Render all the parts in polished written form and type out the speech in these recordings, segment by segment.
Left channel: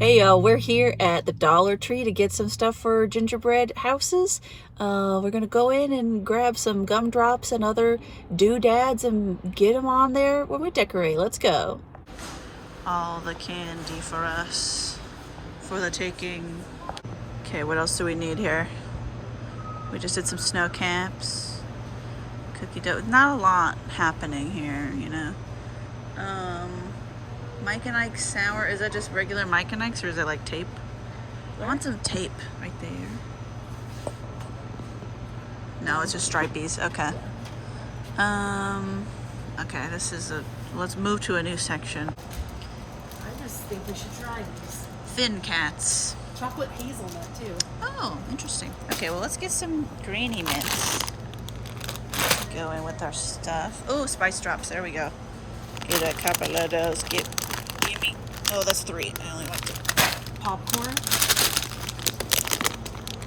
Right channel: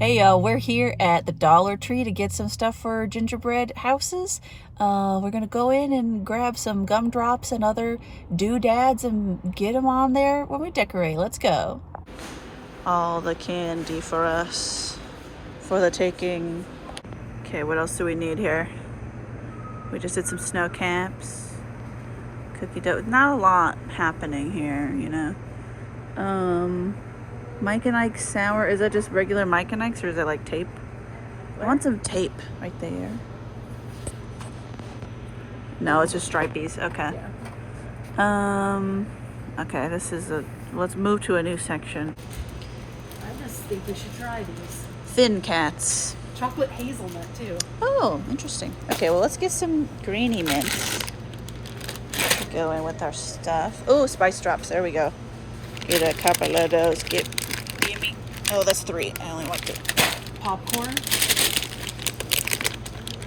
Hey y'all, we're here at the Dollar Tree to get some stuff for gingerbread houses. We're gonna go in and grab some gumdrops and other doodads and get them on there when we decorate. Let's go. All the candy for us for the taking. Okay, what else do we need here? We just did some snow camps. Cookie dough. Not a lot happening here, you know. Mike and Ike's sour. Is that just regular Mike and Ike's or is it like tape? I want some tape right there. No, it's just stripies. Okay. Okay, this is let's move to a new section. I just think we should try these. Thin cats. Chocolate hazelnut too. Oh, interesting. Okay, well let's get some grainy mints to go in with our stuff. Oh, spice drops. There we go. Get a couple of those. Give me. Oh, that's 3. I only want 2. Popcorn.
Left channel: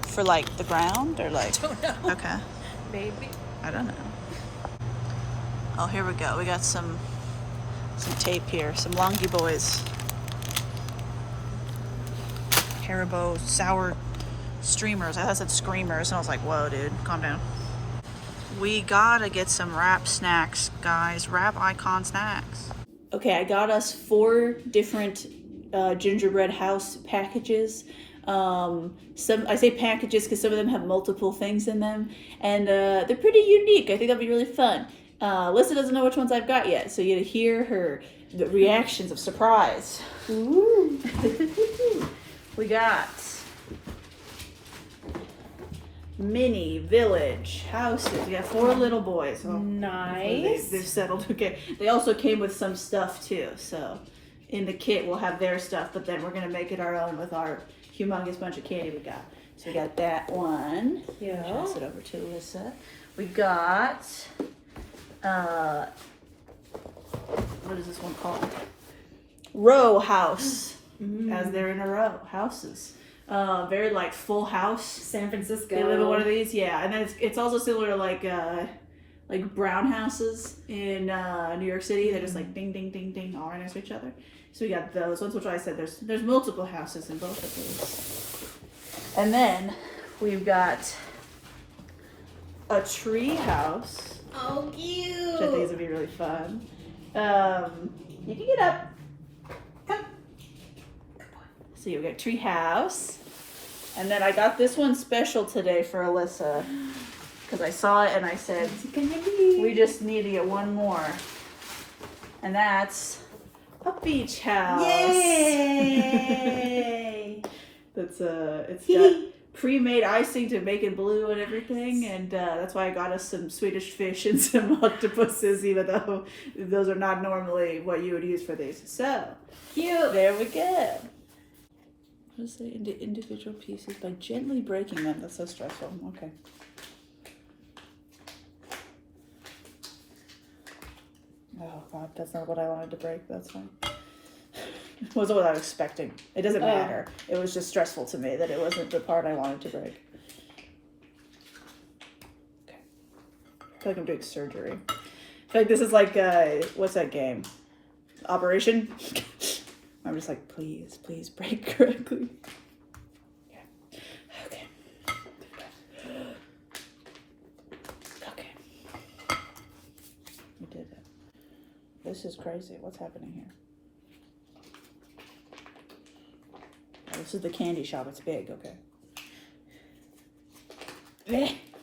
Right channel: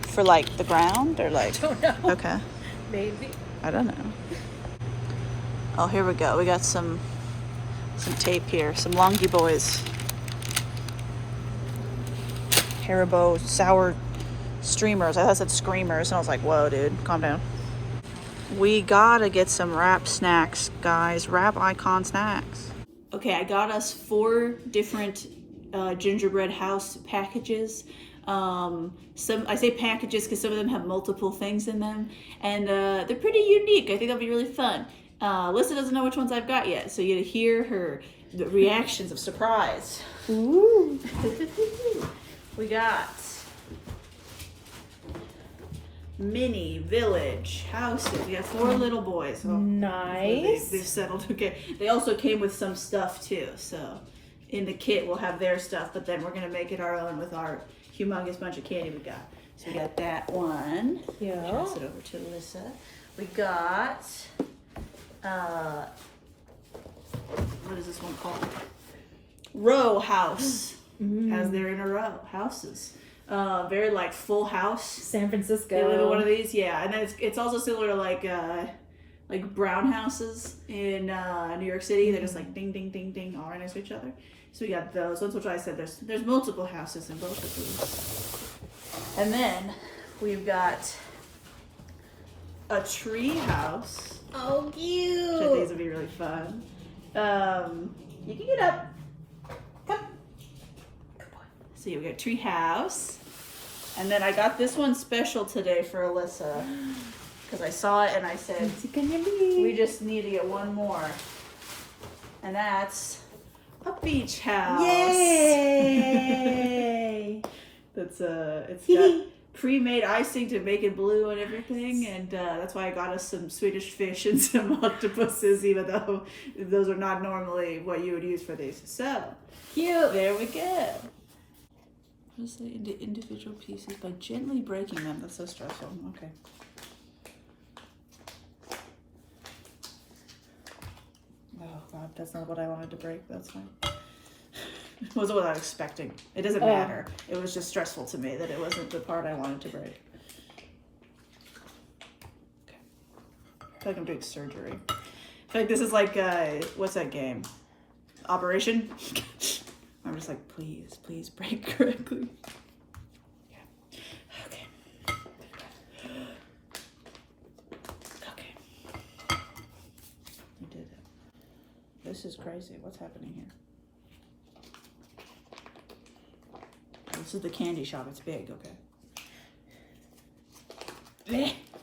For like the ground or like? I don't know. Okay. Maybe. I don't know. Oh, here we go. We got some tape here. Some Longy Boys. Haribo sour streamers. I thought it said screamers, and I was like, whoa, dude, calm down. We gotta get some wrap snacks, guys. Wrap icon snacks. Okay, I got us 4 different gingerbread house packages. I say packages because some of them have multiple things in them, and they're pretty unique. I think that'll be really fun. Alyssa doesn't know which ones I've got yet, so you get to hear the reactions of surprise. Ooh. We got mini village houses. We got 4 little boys. So nice. They've settled. Okay. They also came with some stuff too. So in the kit we'll have their stuff, but then we're gonna make it our own with our humongous bunch of candy we got. So we got that one. Yeah. Pass it over to Alyssa. We got what is this one called? Row house. As they're in a row, houses. Very like Full House. San Francisco. They live in one of these, yeah. And then it's also similar to like brown houses in New York City. They're just like ding, ding, ding, ding, all right next to each other. So we got those ones, which I said there's multiple houses in both of these. And then we've got a tree house. Oh, cute. Which I think is gonna be really fun. You can get up. Come. So we got tree house. And then I got this one special today for Alyssa. Because I saw it and I said, we just need to get one more. And that's a beach house. Yay! It's got pre-made icing to make it blue and everything, and that's why I got us some Swedish fish and some octopuses, even though those are not normally what you would use for these. So Cute. there we go. Just say into individual pieces by gently breaking them. That's so stressful. Okay. Oh God, that's not what I wanted to break. That's fine. It wasn't what I was expecting. It doesn't matter. It was just stressful to me that it wasn't the part I wanted to break. Okay. I feel like I'm doing surgery. I feel like this is like, what's that game? Operation? I'm just like, please break correctly. Yeah. Okay. Okay. We did it. This is crazy. What's happening here? Oh, this is the candy shop. It's big. Okay.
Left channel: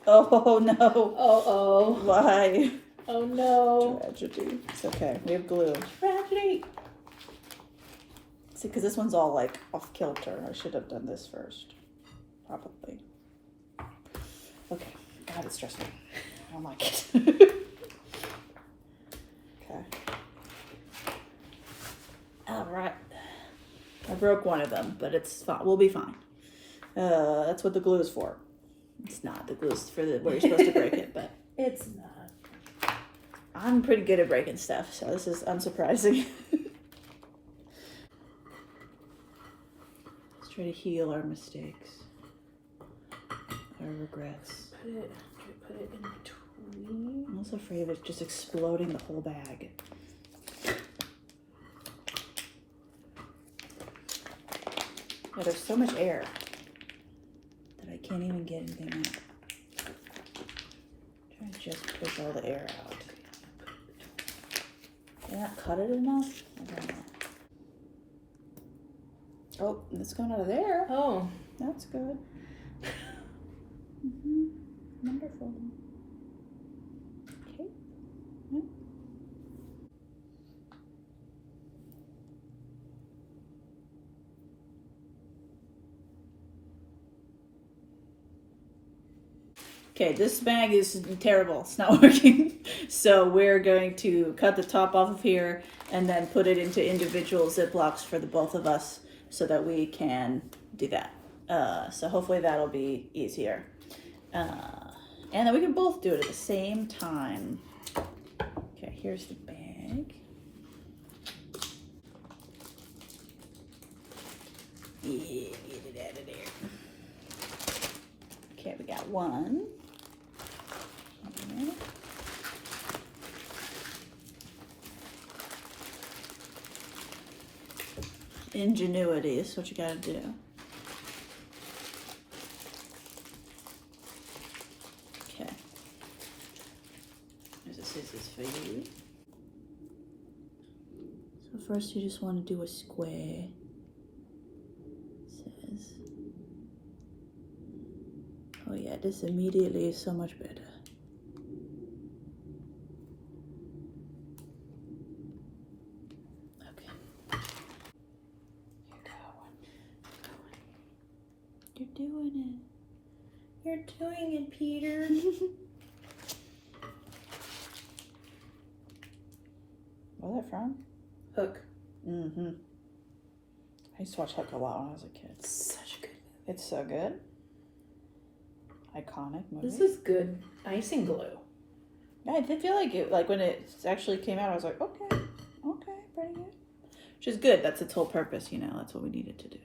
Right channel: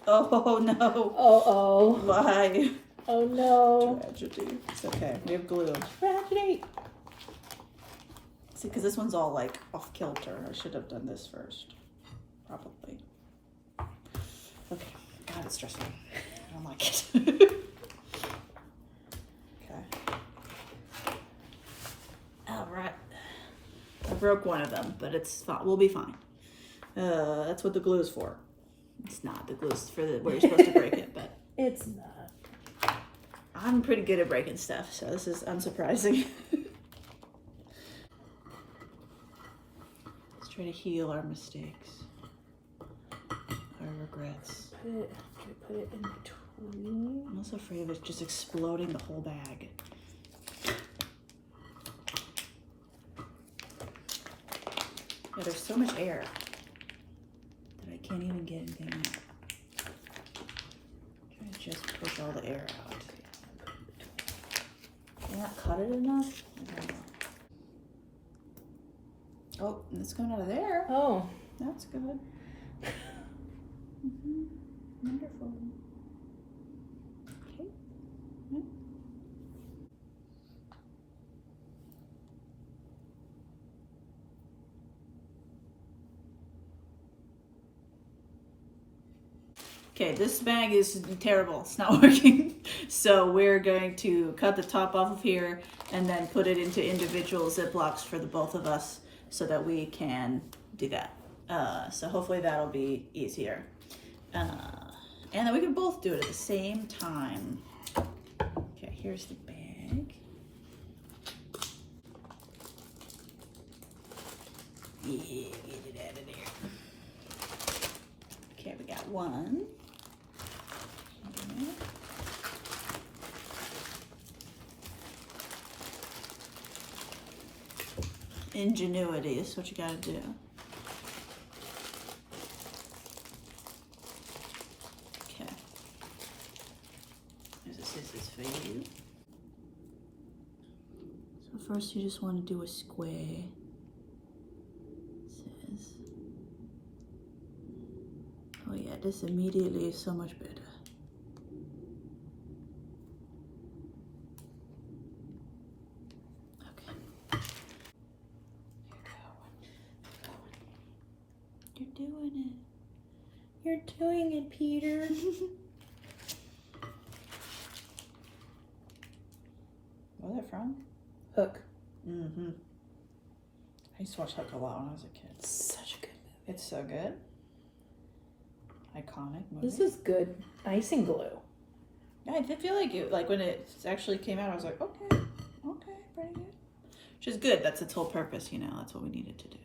Oh no. Oh. Why? Oh no. Tragedy. It's okay. We have glue. Tragedy. See, because this one's all like off kilter. I should have done this first. Probably. Okay. God, it's stressful. I don't like it. Okay. All right. I broke one of them, but it's fine. We'll be fine. That's what the glue is for. It's not. The glue's for where you're supposed to break it, but It's not. I'm pretty good at breaking stuff, so this is unsurprising. Let's try to heal our mistakes, our regrets. Put it in between. I'm also afraid of it just exploding the whole bag. Yeah, there's so much air that I can't even get anything out. Trying to just push all the air out. Did I not cut it enough? I don't know. Oh, it's going out of there. Oh. That's good. Wonderful. Okay. Yeah. Okay, this bag is terrible. It's not working. So we're going to cut the top off of here and then put it into individual Ziplocs for the both of us so that we can do that. So hopefully that'll be easier. And then we can both do it at the same time. Okay, here's the bag. Yeah, get it out of there. Okay, we got one. Here. Ingenuity is what you gotta do. Okay. There's a scissors for you. So first you just want to do a square. It says. Oh yeah, this immediately is so much better. You're doing it. You're doing it, Peter. Where's that from? Hook. Mm-hmm. I used to watch Hook a lot when I was a kid. Such a good movie. It's so good. Iconic movie. This is good icing glue. Yeah, I did feel like it. Like when it actually came out, I was like, okay, pretty good. Which is good. That's its whole purpose, you know. That's what we needed to do.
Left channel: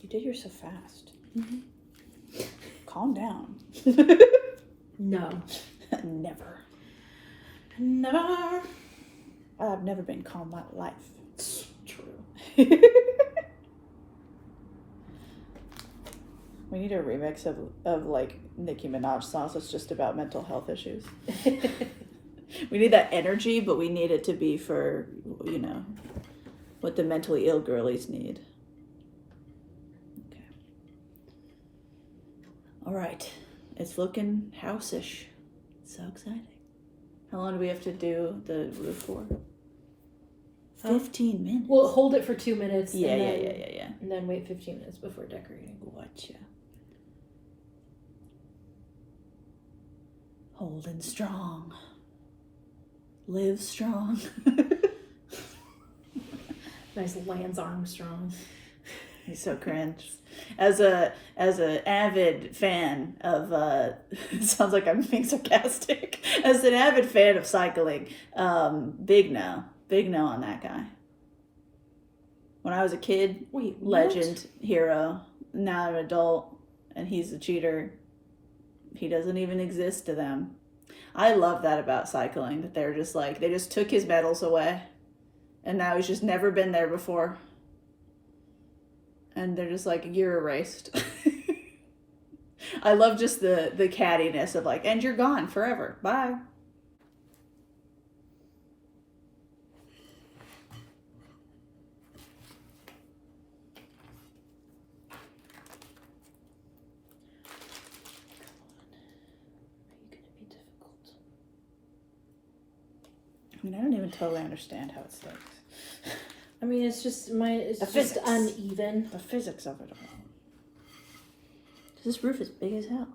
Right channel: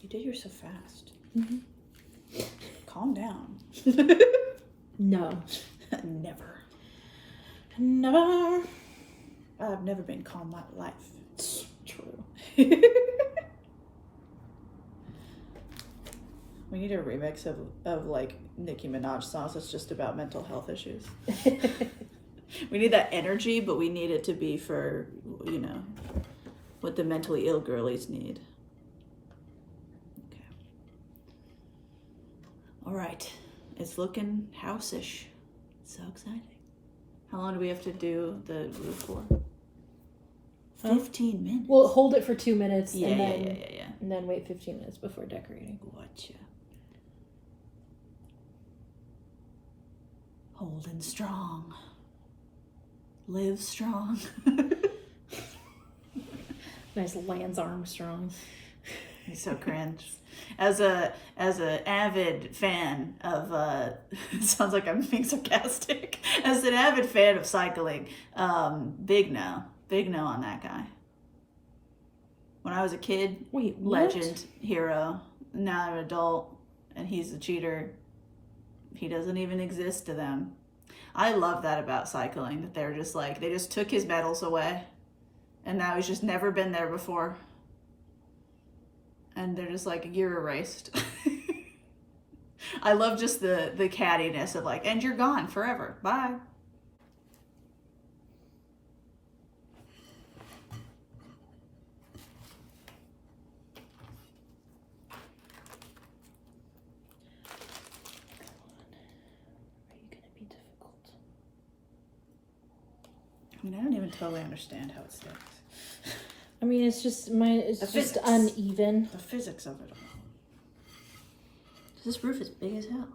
You did yours so fast. Mm-hmm. Calm down. No. Never. No. I've never been calm in my life. It's true. We need a remix of like Nicki Minaj songs that's just about mental health issues. We need that energy, but we need it to be for, you know, what the mentally ill girlies need. Okay. All right. It's looking house-ish. So exciting. How long do we have to do the roof for? 15 minutes. We'll hold it for 2 minutes. Yeah. And then wait 15 minutes before decorating. Gotcha. Holding strong. Live strong. Nice Lance Armstrong. He's so cringe. As a avid fan of it sounds like I'm being sarcastic. As an avid fan of cycling, big no on that guy. When I was a kid, Wait, legend, hero. Now I'm an adult, and he's a cheater. He doesn't even exist to them. I love that about cycling, that they're just like, they just took his medals away, and now he's just never been there before. And they're just like, you're erased. I love just the cattiness of like, and you're gone forever. Bye. I mean, I don't even totally understand how it sticks. I mean, it's just it's The just physics. uneven. The physics of it all. This roof is big as hell.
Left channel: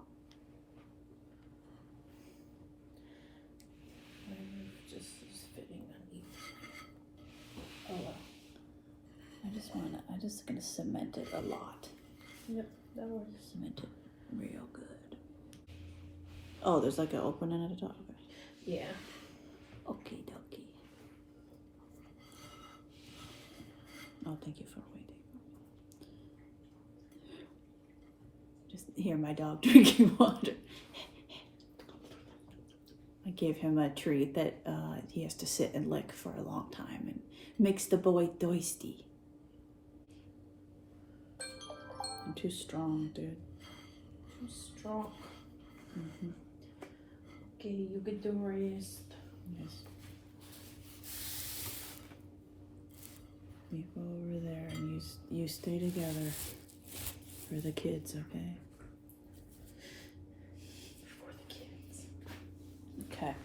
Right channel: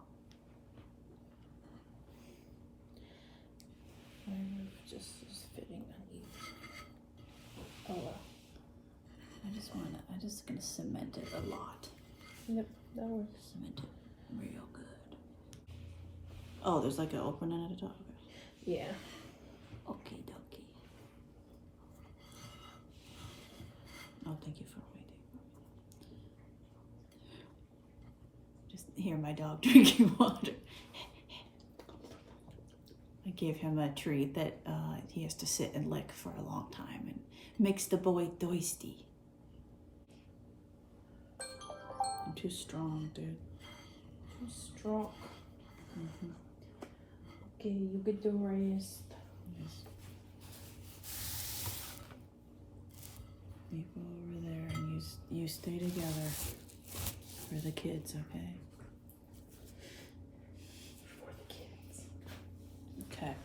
Just is fitting uneven. Oh well. I'm just gonna cement it a lot. Yep, that works. Cement it real good. Oh, there's like an opening at the top. Okay. Yeah. Okie dokie. Oh, thank you for waiting. Just hear my dog drinking water. I gave him a treat that he has to sit and lick for a long time and makes the boy thirsty. I'm too strong, dude. I'm strong. Mm-hmm. Okay, you get the rest. Yes. You go over there and you stay together for the kids, okay? For the kids. Okay.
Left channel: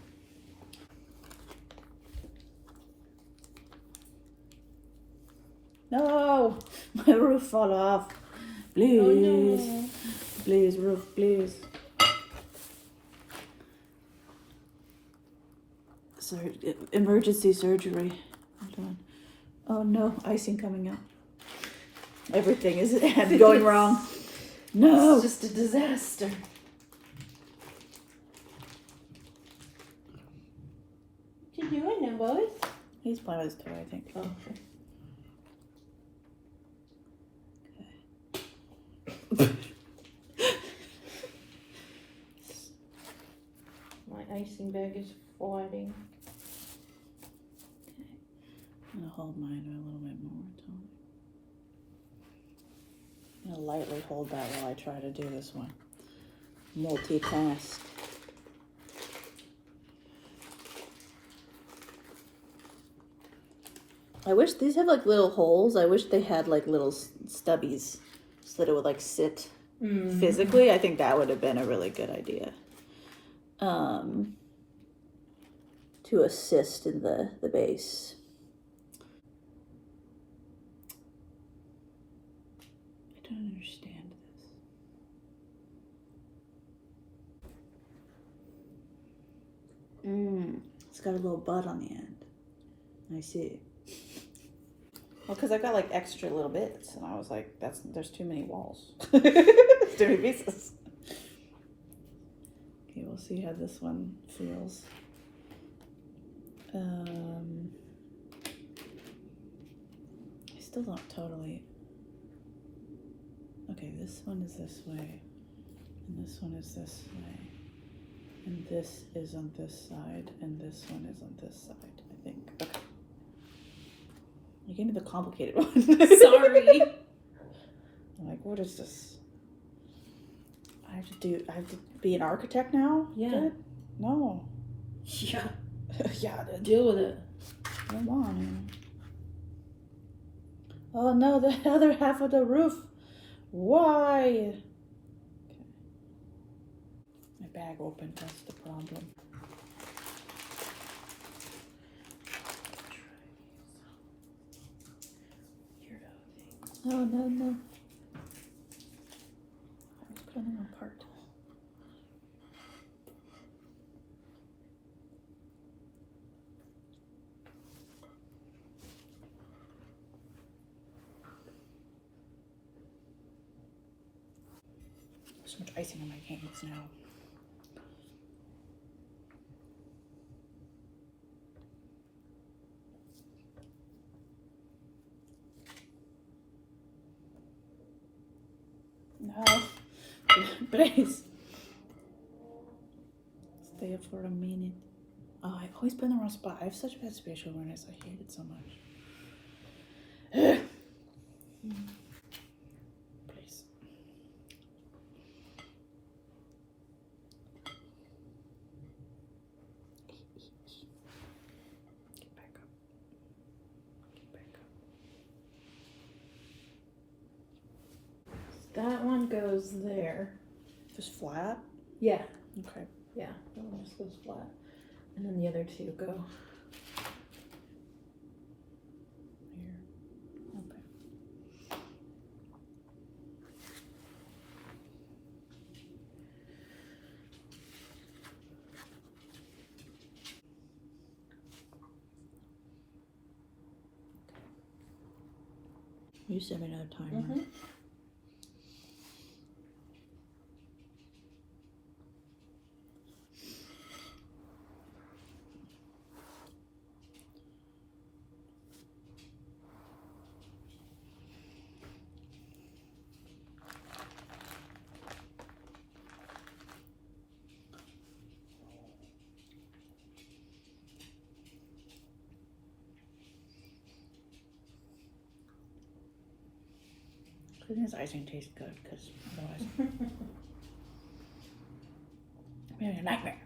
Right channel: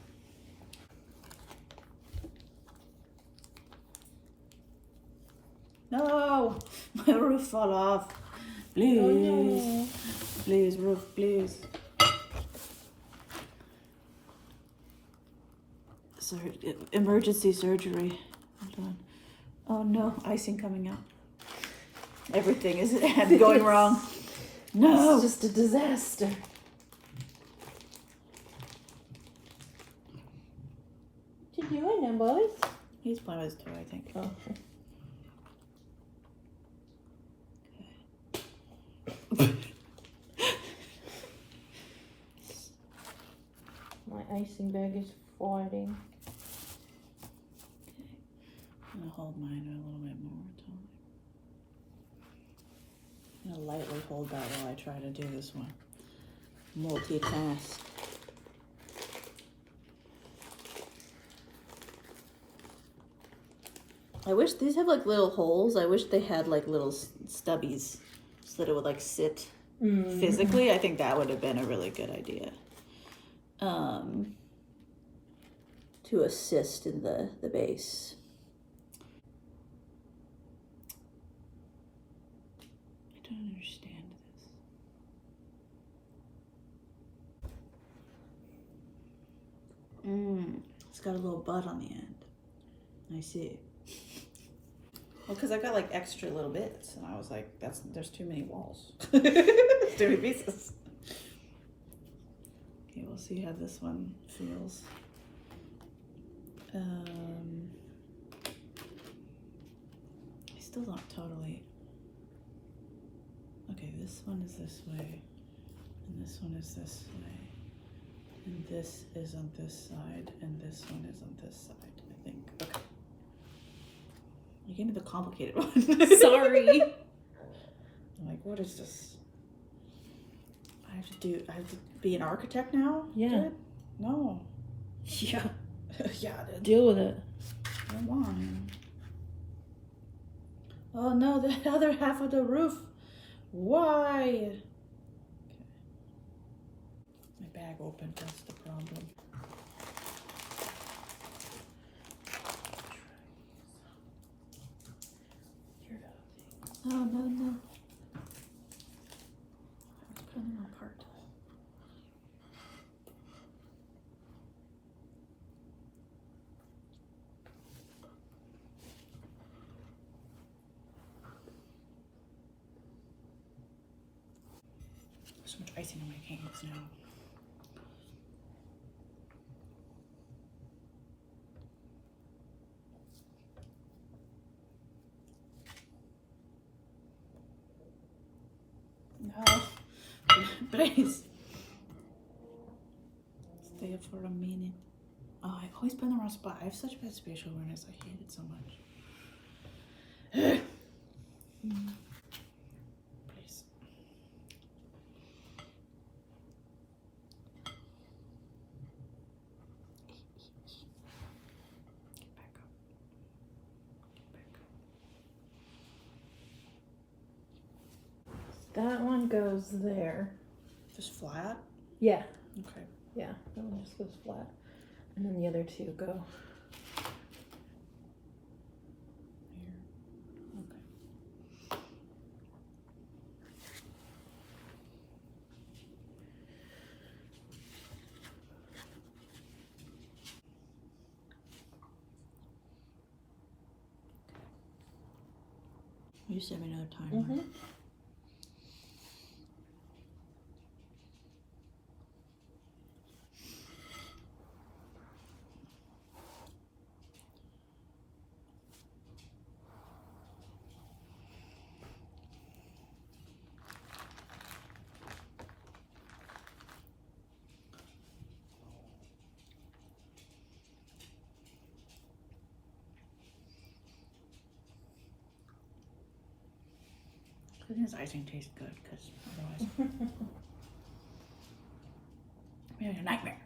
No! My roof fall off. Please. Oh, no. Please, roof, please. Emergency surgery. Hold on. Oh no, icing coming out. Everything is going wrong. No! It's just a disaster. What you doing now, boys? He's playing with his toy, I think. Oh. My icing bag is falling. I'm gonna hold mine a little bit more. I'm gonna lightly hold that while I try to do this one. Multitask. I wish these have like little holes. I wish they had like little stubbies so that it would like sit physically. I think that would have been a really good idea. To assist in the base. I don't understand this. It's got a little bud on the end. I see. Well, because I got like extra little bits, and I was like, there's too many walls. Too many pieces. Okay, we'll see how this one feels. I still don't totally. Okay, this one is this way, and this one is this way, and this is on this side, and this one is on this side, I think. Okay. You gave me the complicated one. Sorry. I'm like, what is this? I have to be an architect now? Yeah. Dude? No. Yeah. Yeah, dude. Deal with it. I don't want to. Oh no, the other half of the roof. Why? Okay. My bag opened, that's the problem. Oh no. I'm pulling them apart. There's so much icing on my hands now. No, please. Stay up for a minute. Oh, I've always been in the wrong spot. I have such bad spatial awareness. I hate it so much. Please. Get back up. Get back up. That one goes there. Just flat? Yeah. Okay. Yeah. That one just goes flat. And then the other two go. Here. Okay. You send me another timer. Mm-hmm. Good thing this icing tastes good, because otherwise I'm having a nightmare.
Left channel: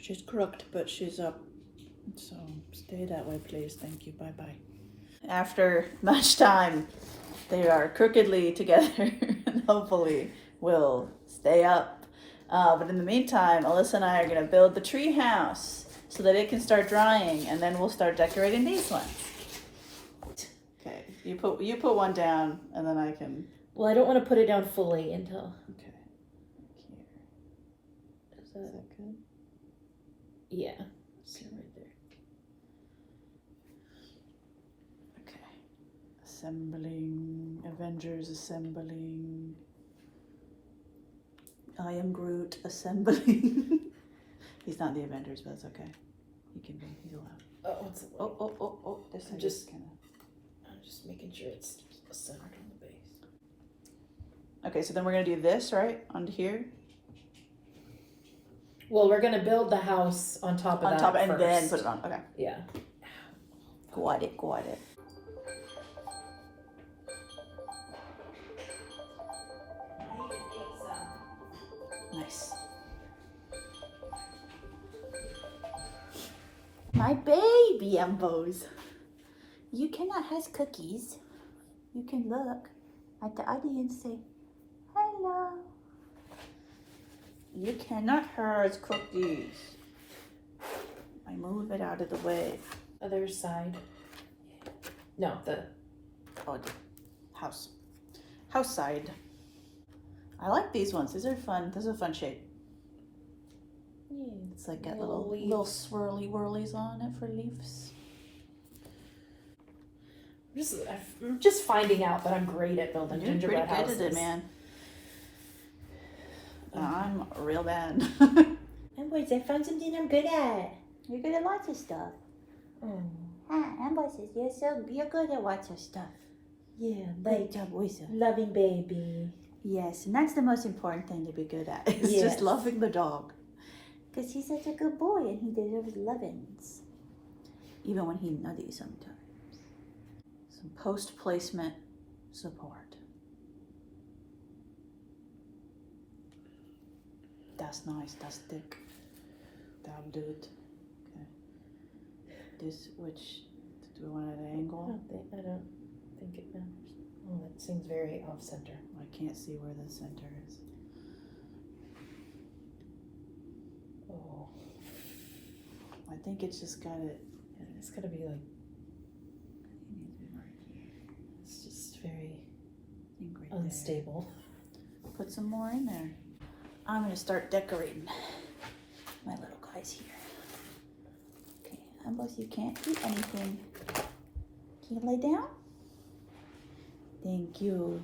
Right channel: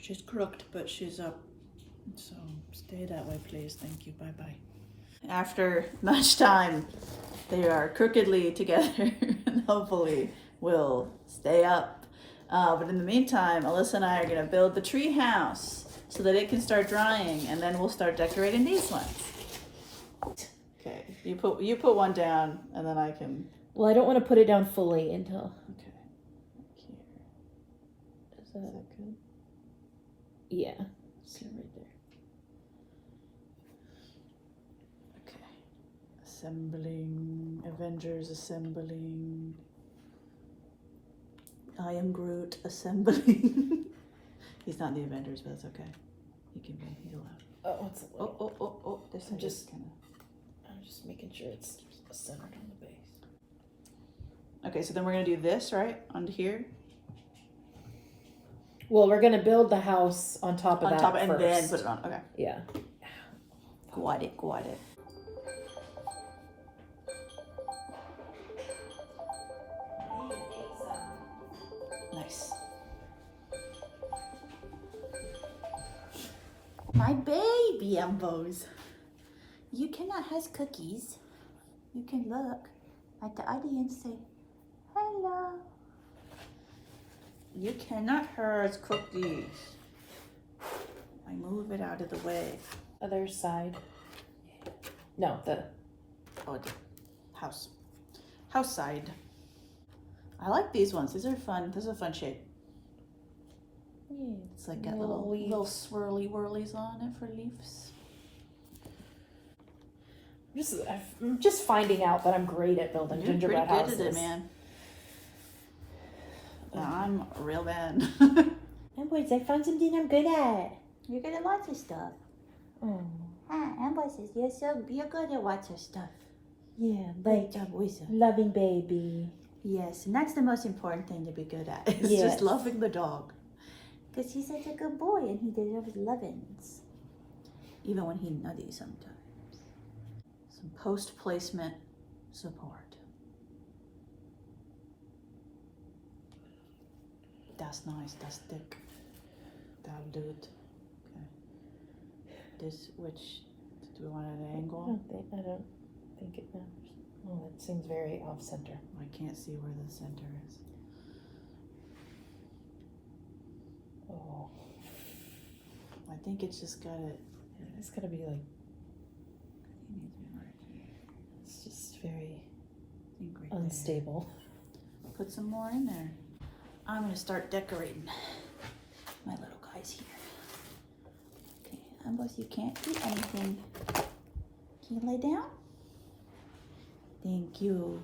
She's crooked, but she's up. So stay that way, please. Thank you. Bye-bye. After much time, they are crookedly together and hopefully will stay up. But in the meantime, Alyssa and I are going to build the tree house so that it can start drying, and then we'll start decorating these ones. Okay, you put one down, and then I can... Well, I don't want to put it down fully until... Okay. Here. Is that good? Yeah. See right there. Okay. Assembling. Avengers assembling. I am Groot assembling. He's not in the Avengers, but that's okay. He can be. He's allowed. Oh, what's it? Oh. This I'm is just kind of... I'm just making sure it's centered on the base. Okay, so then we're going to do this, right? Onto here? Well, we're gonna build the house on top of On that top, and first. then put it on. Okay. Yeah. Got it. Nice. My baby Embos. You cannot have cookies. You can look at the audience, say hello. You cannot hurt cookies. I move it out of the way. Other side. No, the house side. I like these ones. These are fun. This is a fun shape. Yeah, it's like got little swirly whirlies on it for leaves. I'm just finding out that I'm great at building gingerbread houses. You're pretty good at it, man. I'm real bad. Amboys, I found something I'm good at. You're good at lots of stuff. Oh. Amboys, you're good at lots of stuff. Yeah, Great job, Wizard. loving baby. Yes, and that's the most important thing to be good at. It's just loving the dog. Because he's such a good boy and he deserves lovins. Even when he's nutty sometimes. Some post-placement support. That's nice, that's thick. That'll do it. Okay. This, which, do we want it at an angle? I don't think it matters. Oh, that seems very off center. I can't see where the center is. Oh. I think it's just got it. Yeah, it's gotta be like, It needs to be right here. it's just very I think right unstable. there. Put some more in there. I'm gonna start decorating my little guys here. Okay, Ambos, you can't eat anything. Can you lay down? Thank you.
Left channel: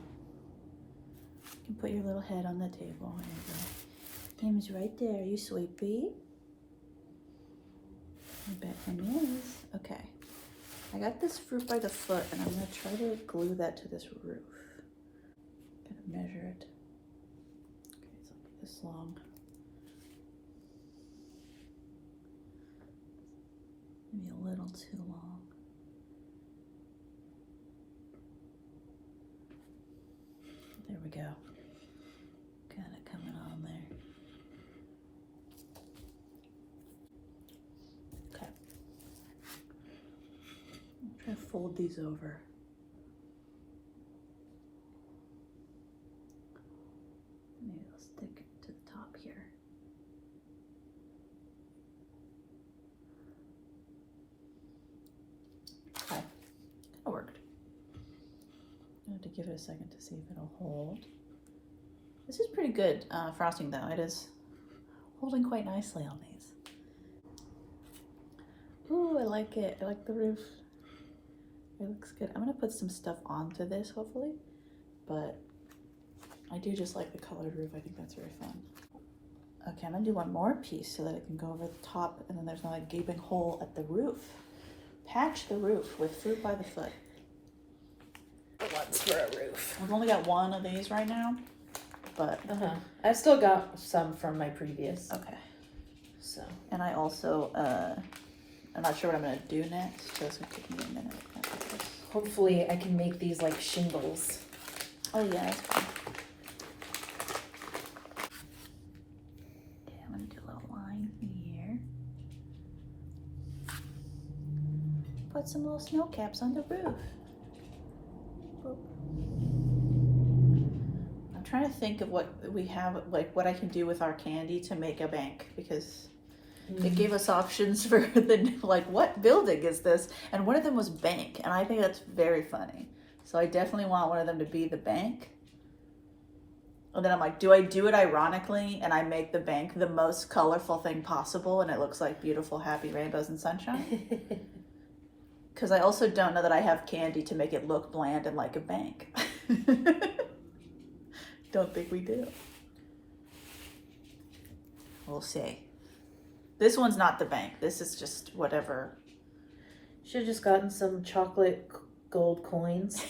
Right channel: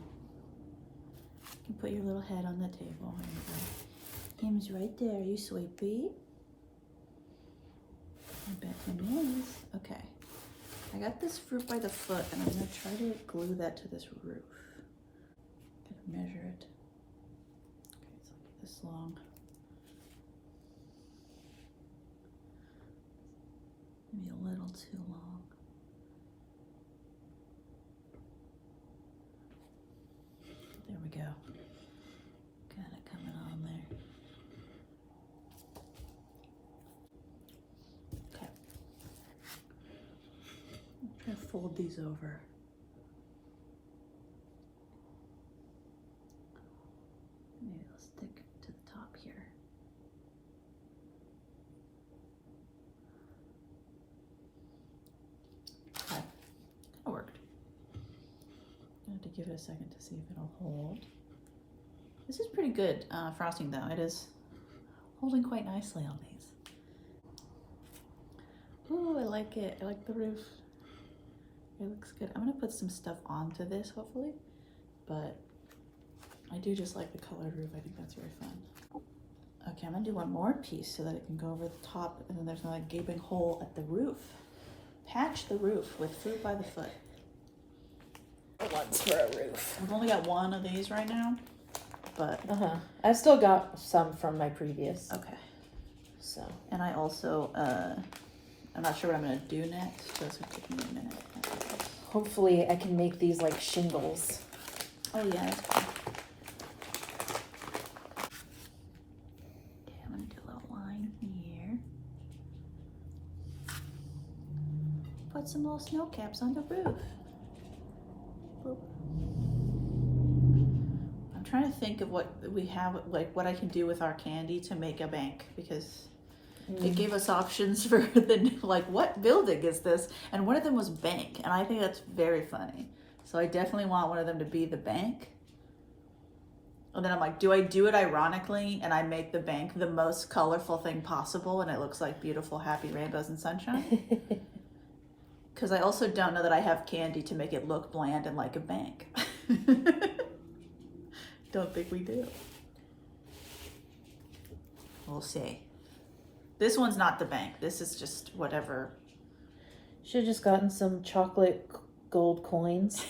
You can put your little head on the table. There you go. Him's right there. You sleepy? I bet him is. Okay. I got this fruit by the foot, and I'm gonna try to glue that to this roof. Gotta measure it. Okay, it's like this long. Maybe a little too long. There we go. Got it coming on there. Okay. I'm trying to fold these over. Maybe I'll stick to the top here. Okay, that worked. I have to give it a second to see if it'll hold. This is pretty good frosting though. It is holding quite nicely on these. Ooh, I like it. I like the roof. It looks good. I'm gonna put some stuff onto this hopefully, but I do just like the colored roof. I think that's very fun. Okay, I'm gonna do one more piece so that it can go over the top and then there's no like gaping hole at the roof. Patch the roof with fruit by the foot. One's for a roof. We've only got one of these right now, but I've still got some from my previous. okay. So. And I also, I'm not sure what I'm gonna do next, so it's gonna take me a minute after this. Hopefully I can make these like shingles. Oh yeah, that's fine. Okay, I'm gonna do a little line here. Put some little snow caps on the roof. Boop. I'm trying to think of what we have, like what I can do with our candy to make a bank, because it gave us options for the, like, what building is this? And one of them was bank, and I think that's very funny. So I definitely want one of them to be the bank. And then I'm like, do I do it ironically and I make the bank the most colorful thing possible and it looks like beautiful, happy rainbows and sunshine? Because I also don't know that I have candy to make it look bland and like a bank. Don't think we do. We'll see. This one's not the bank. This is just whatever. Should have just gotten some chocolate gold coins.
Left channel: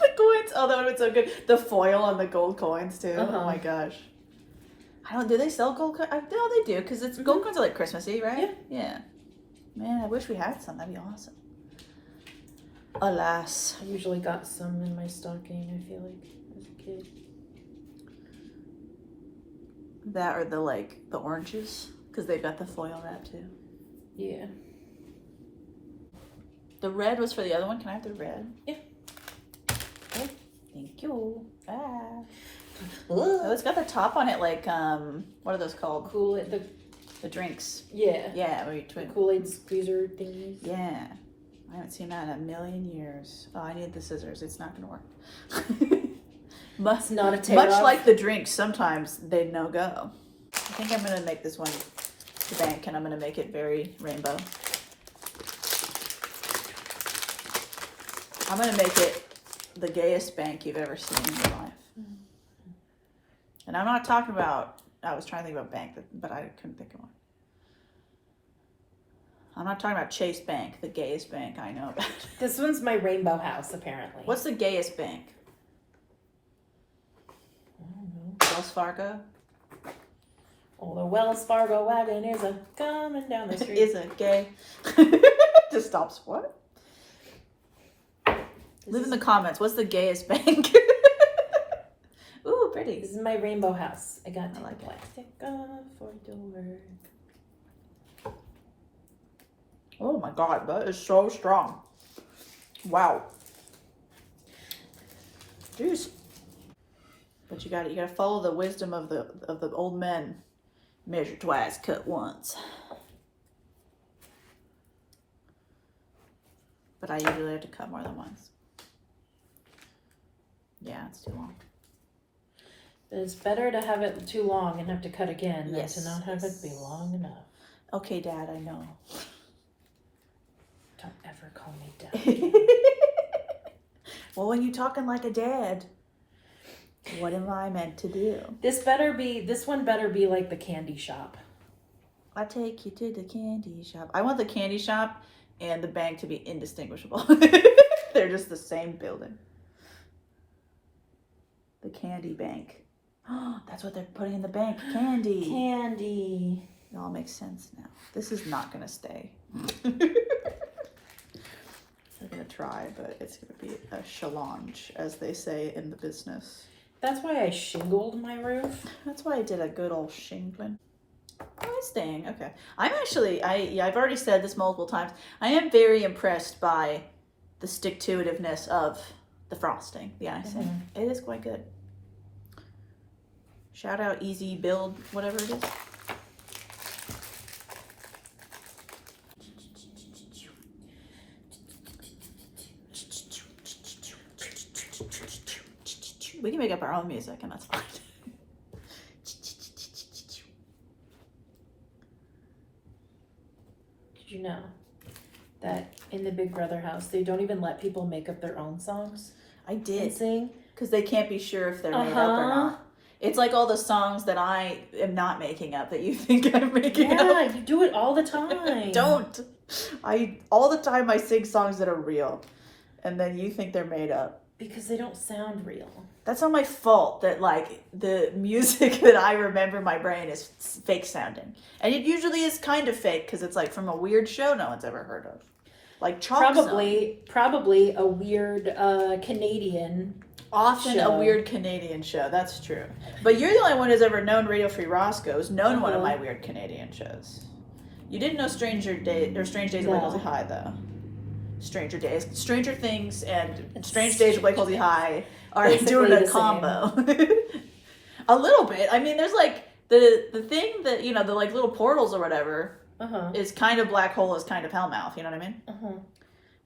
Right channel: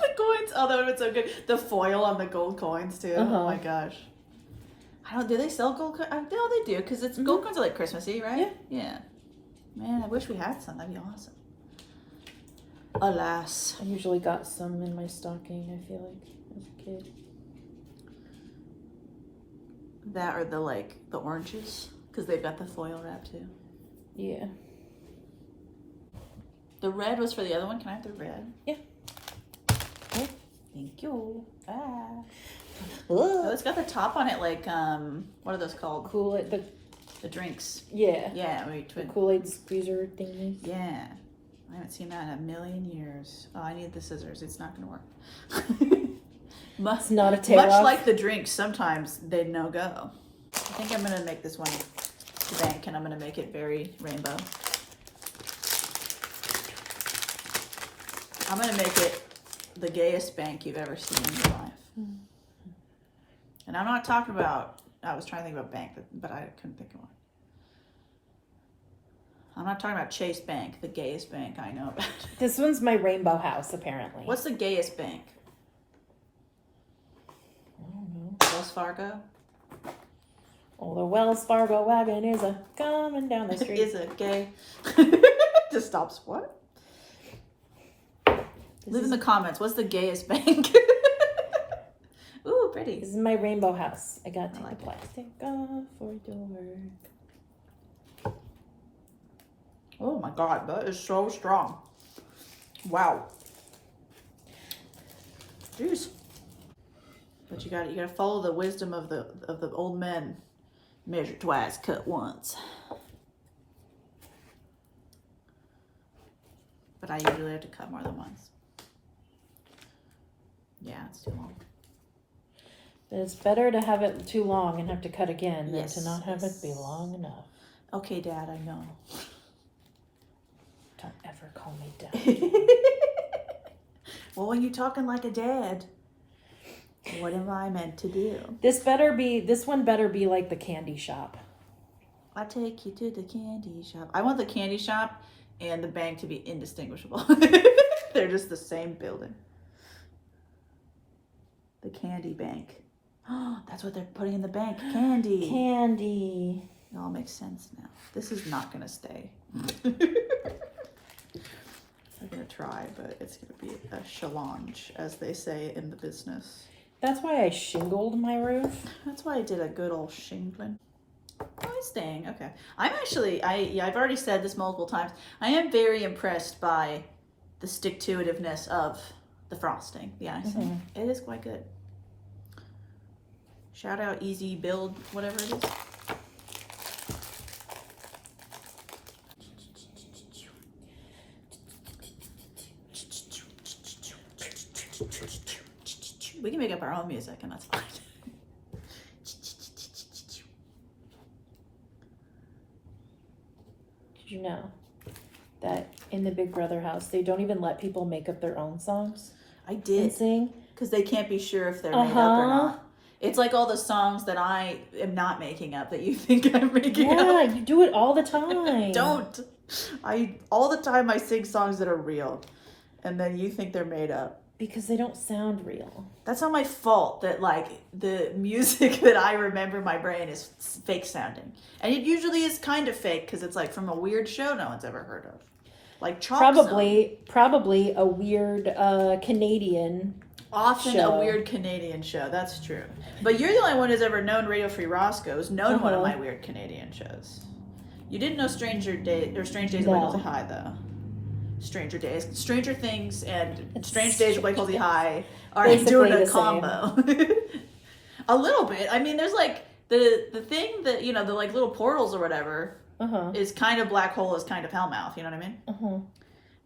The coins. Oh, that would have been so good. The foil on the gold coins too. Oh my gosh. I don't. Do they sell gold coins? No, they do, because it's gold coins are like Christmassy, right? Yeah. Man, I wish we had some. That'd be awesome. Alas. I usually got some in my stocking, I feel like, as a kid. That or the oranges, because they've got the foil wrap too. Yeah. The red was for the other one. Can I have the red? Yeah. Okay. Thank you. Ah. Oh, it's got the top on it like what are those called? Kool-Aid. The drinks. Yeah. Yeah, where you twin. Kool-Aid squeezer thingies. Yeah. I haven't seen that in a million years. Oh, I need the scissors. It's not gonna work. It's not a tail much off. like the drinks, sometimes they no go. I think I'm gonna make this one the bank, and I'm gonna make it very rainbow. I'm gonna make it the gayest bank you've ever seen in your life. And I'm not talking about, I was trying to think about bank, but I couldn't think of one. I'm not talking about Chase Bank, the gayest bank I know about. This one's my rainbow house, apparently. What's the gayest bank? Wells Fargo? Oh, the Wells Fargo wagon is a coming down the street. Is a gay. Just stops. What? Leave in the comments. What's the gayest bank? Ooh, pretty. This is my rainbow house. I got to like take the plastic off for your work. Oh my god, that is so strong. Wow. Jeez. But you gotta follow the wisdom of the old men. Measure twice, cut once. But I usually have to cut more than once. Yeah, it's too long. It's better to have it too long and have to cut again Yes, than to not have yes. it be long enough. Okay, Dad, I know. Don't ever call me dad. Well, when you're talking like a dad, what am I meant to do? This one better be like the candy shop. I take you to the candy shop. I want the candy shop and the bank to be indistinguishable. They're just the same building. The candy bank. Oh, that's what they're putting in the bank. Candy. Candy. It all makes sense now. This is not gonna stay. I'm gonna try, but it's gonna be a challenge, as they say in the business. That's why I shingled my roof. That's why I did a good old shingling. Oh, it's staying. Okay. I'm actually, I've already said this multiple times. I am very impressed by the stick-to-itiveness of the frosting, the icing. It is quite good. Shout out Easy Build, whatever it is. We can make up our own music, and that's fine. Did you know that in the Big Brother house, they don't even let people make up their own songs I and did, sing? because they can't be sure if they're made up or not. It's like all the songs that I am not making up that you think I'm making up. Yeah, you do it all the time. Don't. All the time I sing songs that are real, and then you think they're made up. Because they don't sound real. That's not my fault that like the music that I remember in my brain is fake sounding. And it usually is kind of fake because it's like from a weird show no one's ever heard of. Like Chalk Zone. Probably a weird Canadian Often show. a weird Canadian show, that's true. But you're the only one who's ever known Radio Free Roscoe's, known one of my weird Canadian shows. You didn't know Strange Days of Blake Halsey High though. Stranger Things and Strange Days of Blake Halsey High are doing a combo. A little bit. I mean, there's like the thing that, you know, the like little portals or whatever is kind of black hole, is kind of Hellmouth, you know what I mean?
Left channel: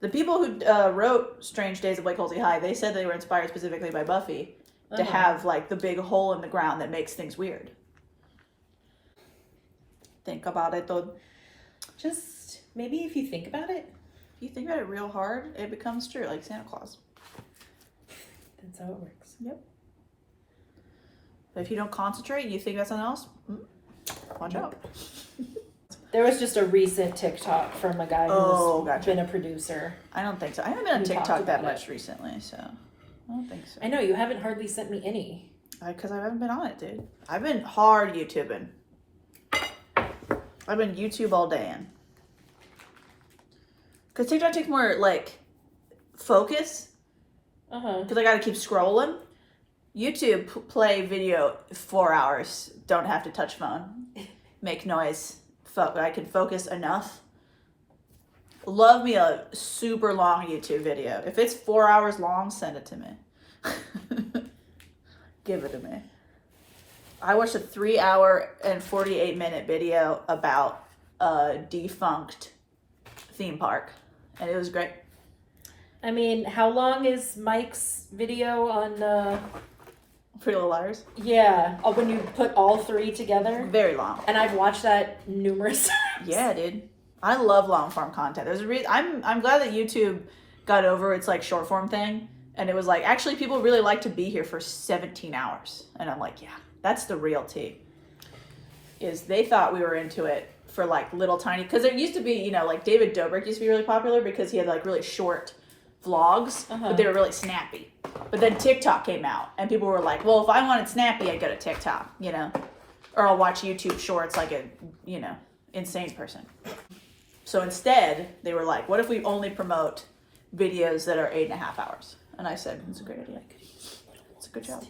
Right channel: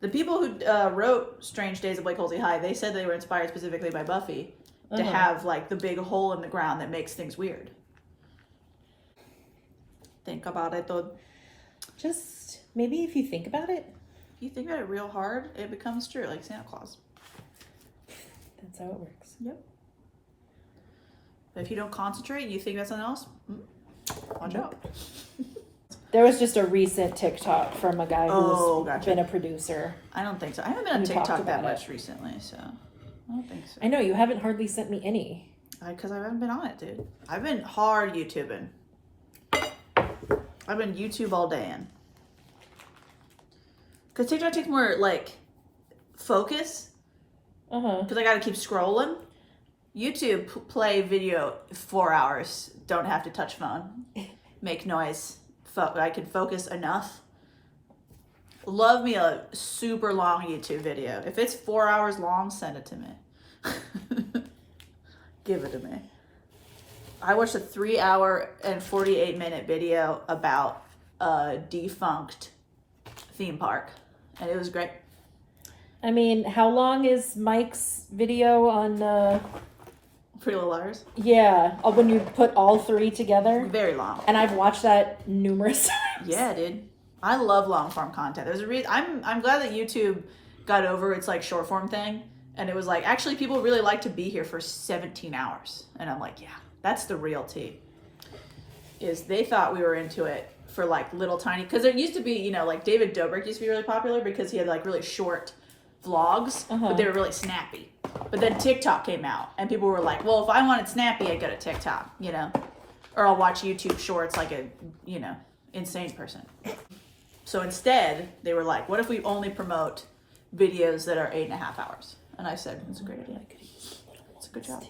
The people who wrote Strange Days of Blake Halsey High, they said they were inspired specifically by Buffy to have like the big hole in the ground that makes things weird. Think about it though. Just maybe if you think about it. You think about it real hard, it becomes true, like Santa Claus. That's how it works. Yep. But if you don't concentrate and you think about something else, watch out. There was just a recent TikTok from a guy who's been a producer. I don't think so. I haven't been on TikTok that much recently, so I don't think so. I know, you haven't hardly sent me any. Because I haven't been on it, dude. I've been hard YouTubing. I've been YouTube all day in. Because TikTok takes more, like, focus. Because I got to keep scrolling. YouTube, play video 4 hours. Don't have to touch phone. Make noise. I can focus enough. Love me a super long YouTube video. If it's 4 hours long, send it to me. Give it to me. I watched a 3-hour and 48-minute video about a defunct theme park, and it was great. I mean, how long is Mike's video on Pretty Little Liars? Yeah, when you put all three together? Very long. And I've watched that numerous times. Yeah, dude. I love long form content. There's a reason. I'm glad that YouTube got over its like short form thing, and it was like, actually people really like to be here for 17 hours. And I'm like, yeah, that's the real tea. Is they thought we were into it for like little tiny, because there used to be, you know, like David Dobrik used to be really popular because he had like really short vlogs, but they were really snappy. But then TikTok came out, and people were like, well, if I wanted snappy, I'd go to TikTok, you know? Or I'll watch YouTube shorts like a, you know, insane person. So instead, they were like, what if we only promote videos that are 8.5 hours? And I said, it's a great idea. It's a good job.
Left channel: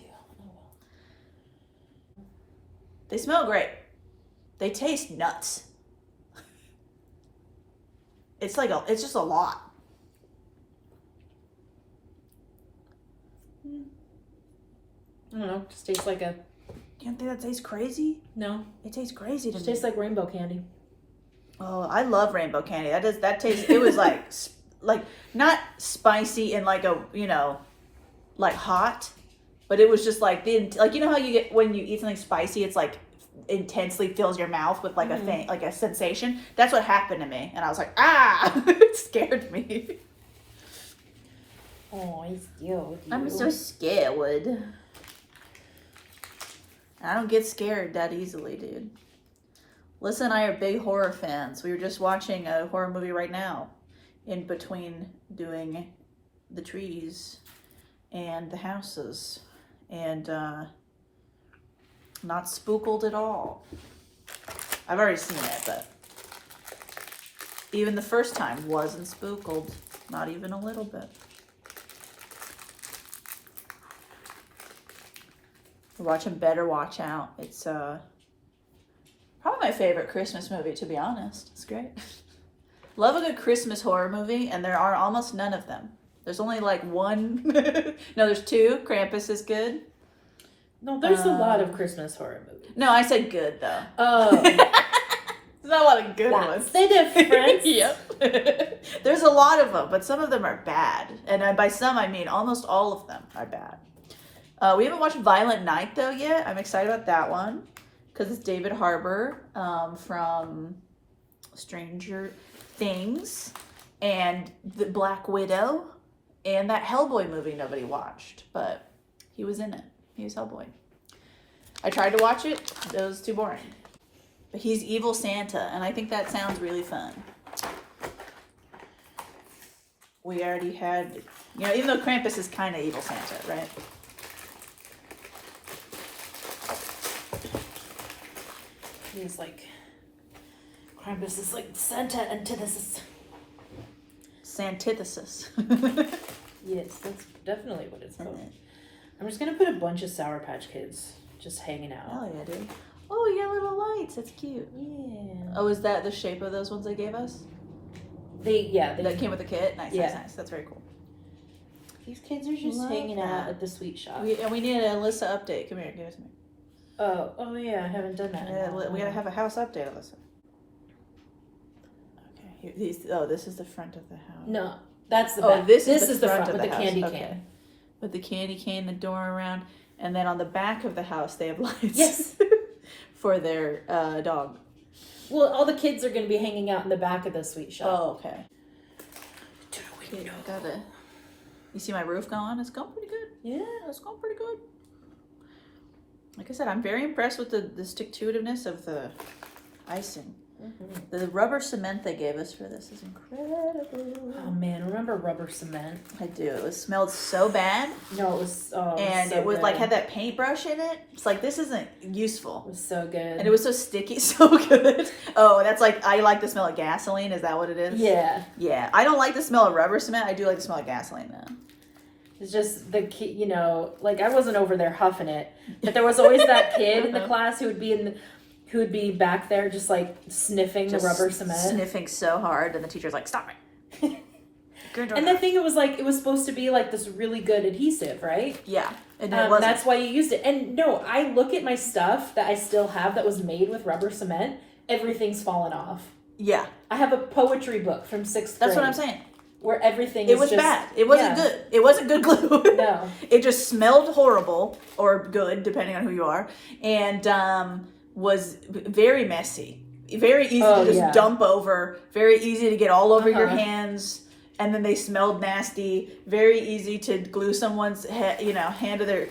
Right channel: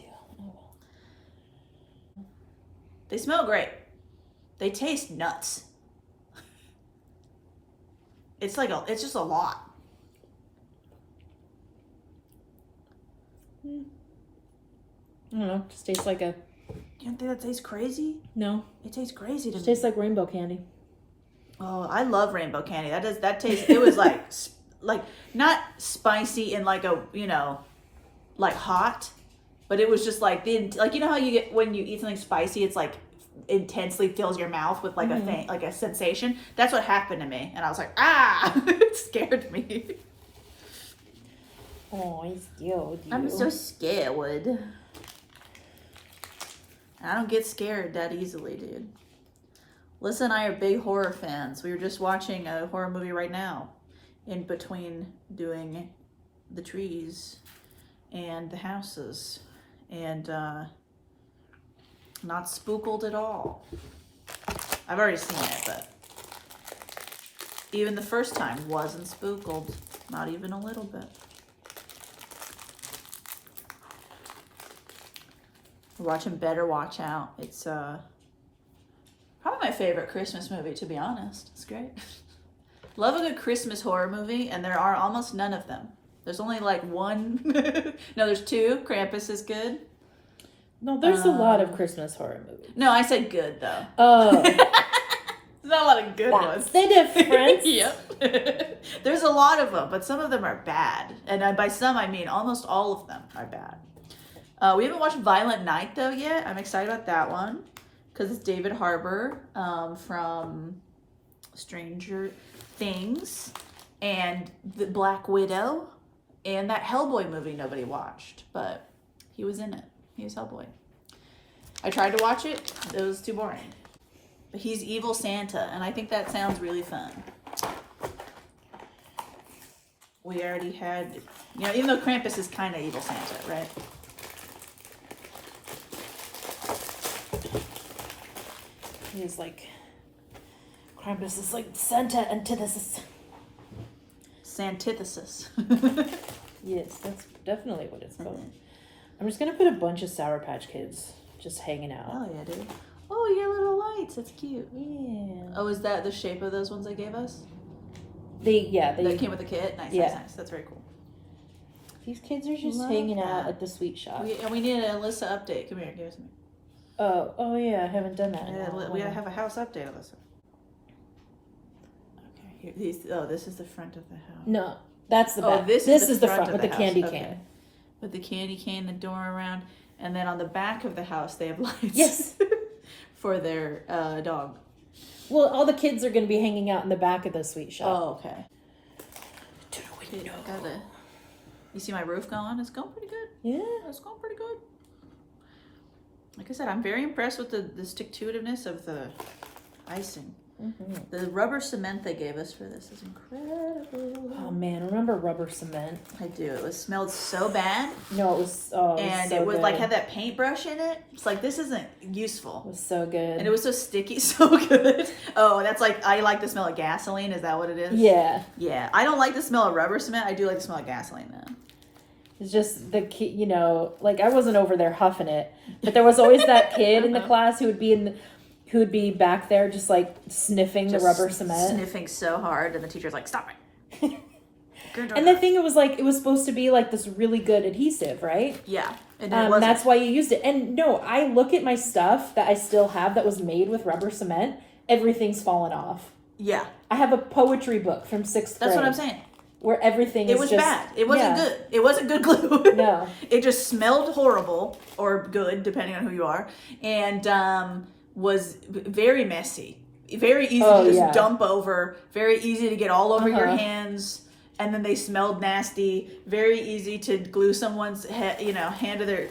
They smell great. They taste nuts. It's like it's just a lot. I don't know. Just tastes like a... You don't think that tastes crazy? No. It tastes crazy to me. It tastes like rainbow candy. Oh, I love rainbow candy. That tastes, it was like, like not spicy and like a, you know, like hot, but it was just like, like, you know how you get, when you eat something spicy, it's like intensely fills your mouth with like a thing, like a sensation. That's what happened to me. And I was like, it scared me. Oh, I scared you. I'm so scared. I don't get scared that easily, dude. Lisa and I are big horror fans. We were just watching a horror movie right now. in between doing the trees and the houses, and not spookled at all. I've already seen it, but even the first time wasn't spookled, not even a little bit. We're watching Better Watch Out. It's probably my favorite Christmas movie, to be honest. It's great. Love a good Christmas horror movie, and there are almost none of them. There's only like one. No, there's two. Krampus is good. No, there's a lot of Christmas horror movies. No, I said good, though. Oh. There's not a lot of good ones. The difference. Yep. There's a lot of them, but some of them are bad. And by some, I mean almost all of them are bad. We haven't watched Violent Night, though, yet. I'm excited about that one because it's David Harbour from Stranger Things and The Black Widow and that Hellboy movie nobody watched, but he was in it. He was Hellboy. I tried to watch it. It was too boring. But he's evil Santa, and I think that sounds really fun. We already had, even though Krampus is kind of evil Santa, right? He's like, Krampus is like Santa antithesis. Santithesis. Yes, that's definitely what it's called. I'm just gonna put a bunch of Sour Patch Kids just hanging out. Hell yeah, dude. Oh, you got little lights. That's cute. Yeah. Oh, is that the shape of those ones they gave us? They that came with the kit? Nice, yeah. nice. That's very cool. These kids are just hanging out at the sweet shop. We need an Alyssa update. Come here, give us me. Oh yeah, I haven't done that. We gotta have a house update, Alyssa. Okay, here, this is the front of the house. No, that's the back. This is the front of with the the house. candy Okay. can. With the candy cane, the door around, and then on the back of the house they have lights. Yes. For their dog. Well, all the kids are gonna be hanging out in the back of the sweet shop. Oh, okay. Okay, I gotta. You see my roof going? It's going pretty good. Yeah, it's going pretty good. Like I said, I'm very impressed with the stick-to-itiveness of the icing. Mm-hmm. The rubber cement they gave us for this is incredible. Oh man, remember rubber cement? I do. It smelled so bad. No, it was. Oh, and it was like had that paintbrush in it. It's like this isn't useful. It was so good. And it was so sticky, so good. Oh, that's like I like the smell of gasoline. Is that what it is? Yeah. Yeah. I don't like the smell of rubber cement. I do like the smell of gasoline though. It's just the kid, like I wasn't over there huffing it, but there was always that kid in the class who would be back there just like sniffing the rubber cement. Sniffing so hard, and the teacher's like, stop it. And the thing, it was supposed to be like this really good adhesive, right? Yeah. And it wasn't. That's why you used it. And no, I look at my stuff that I still have that was made with rubber cement. Everything's fallen off. Yeah. I have a poetry book from 6th grade. That's what I'm saying. Where everything It was bad. It wasn't good. It wasn't good glue. No. It just smelled horrible, or good, depending on who you are. And was very messy. Very easy to just dump over. Very easy to get all over your hands. And then they smelled nasty. Very easy to glue someone's hand to their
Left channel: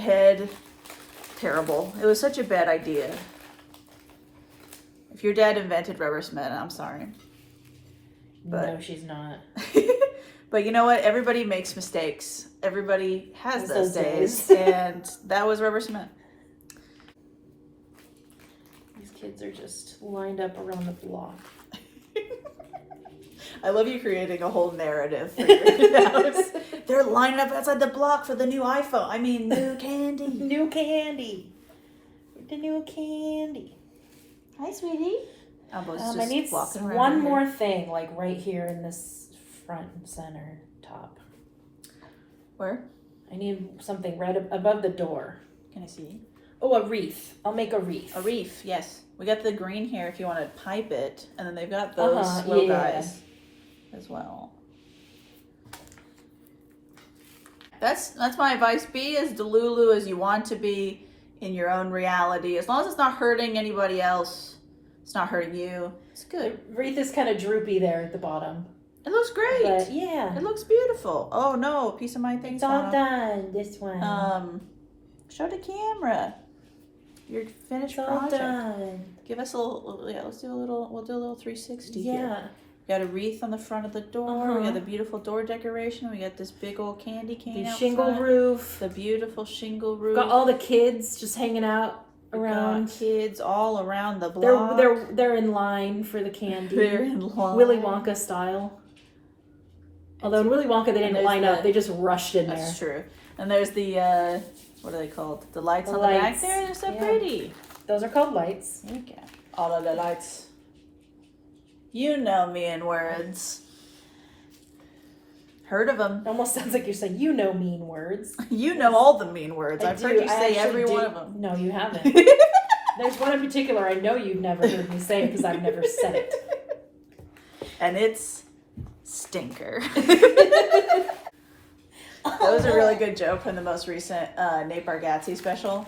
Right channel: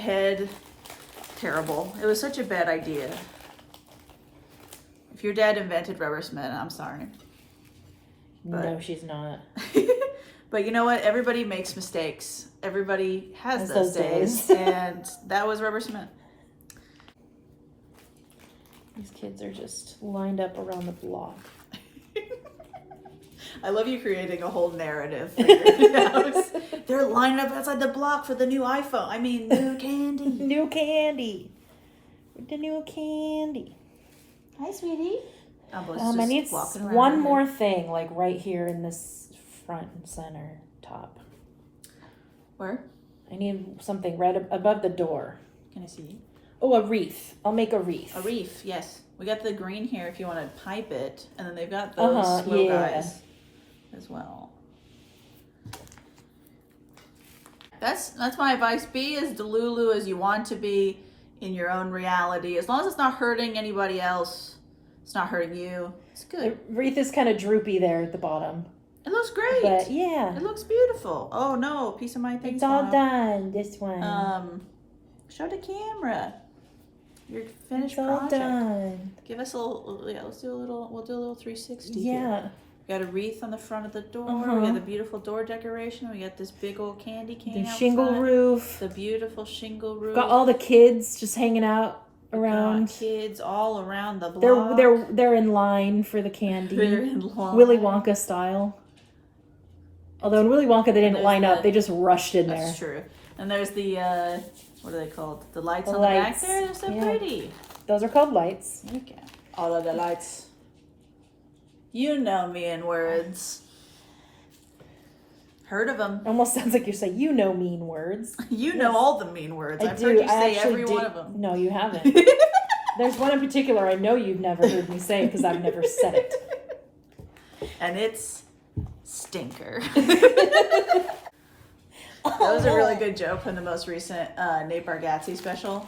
head. Terrible. It was such a bad idea. If your dad invented rubber cement, I'm sorry. But, no, she's not. But you know what? Everybody makes mistakes. Everybody has those days. And that was rubber cement. These kids are just lined up around the block. I love you creating a whole narrative for your house. They're lining up outside the block for the new iPhone. I mean, new candy. New candy. The new candy. Hi, sweetie. I need walking around one more thing, like right here in this front and center top. Where? I need something right above the door. Can I see? Oh, a wreath. I'll make a wreath. A wreath, yes. We got the green here if you want to pipe it, and then they've got those little guys as well. That's my advice. Be as delulu as you want to be in your own reality. As long as it's not hurting anybody else. It's not hurting you. It's good. The wreath is kind of droopy there at the bottom. It looks great. But yeah. It looks beautiful. Oh no, a piece of my thing's It's all done. This one. Show the camera your finished it's all project. Done. Give us a little. Yeah, we'll do a little 360 here. We got a wreath on the front of the door. We got the beautiful door decoration. We got this big old candy cane The out shingle front. roof. The beautiful shingle roof. Got all the kids just hanging out around. Got kids all around the block. They're in line for the candy. They're in line. Willy Wonka style. Although in Willy Wonka they didn't line up, they just rushed in there. That's true. And there's the what are they called? The lights on the back there. They're so pretty. Those are called lights. There you go. All of the lights. You know me in words. Heard of them. Almost sounds like you're saying, you know mean words. You know all the mean words. I've heard you say every one of them. No, you haven't. There's one in particular I know you've never heard me say because I've never said it. And it's stinker. That was a really good joke from the most recent Nate Bargatze special.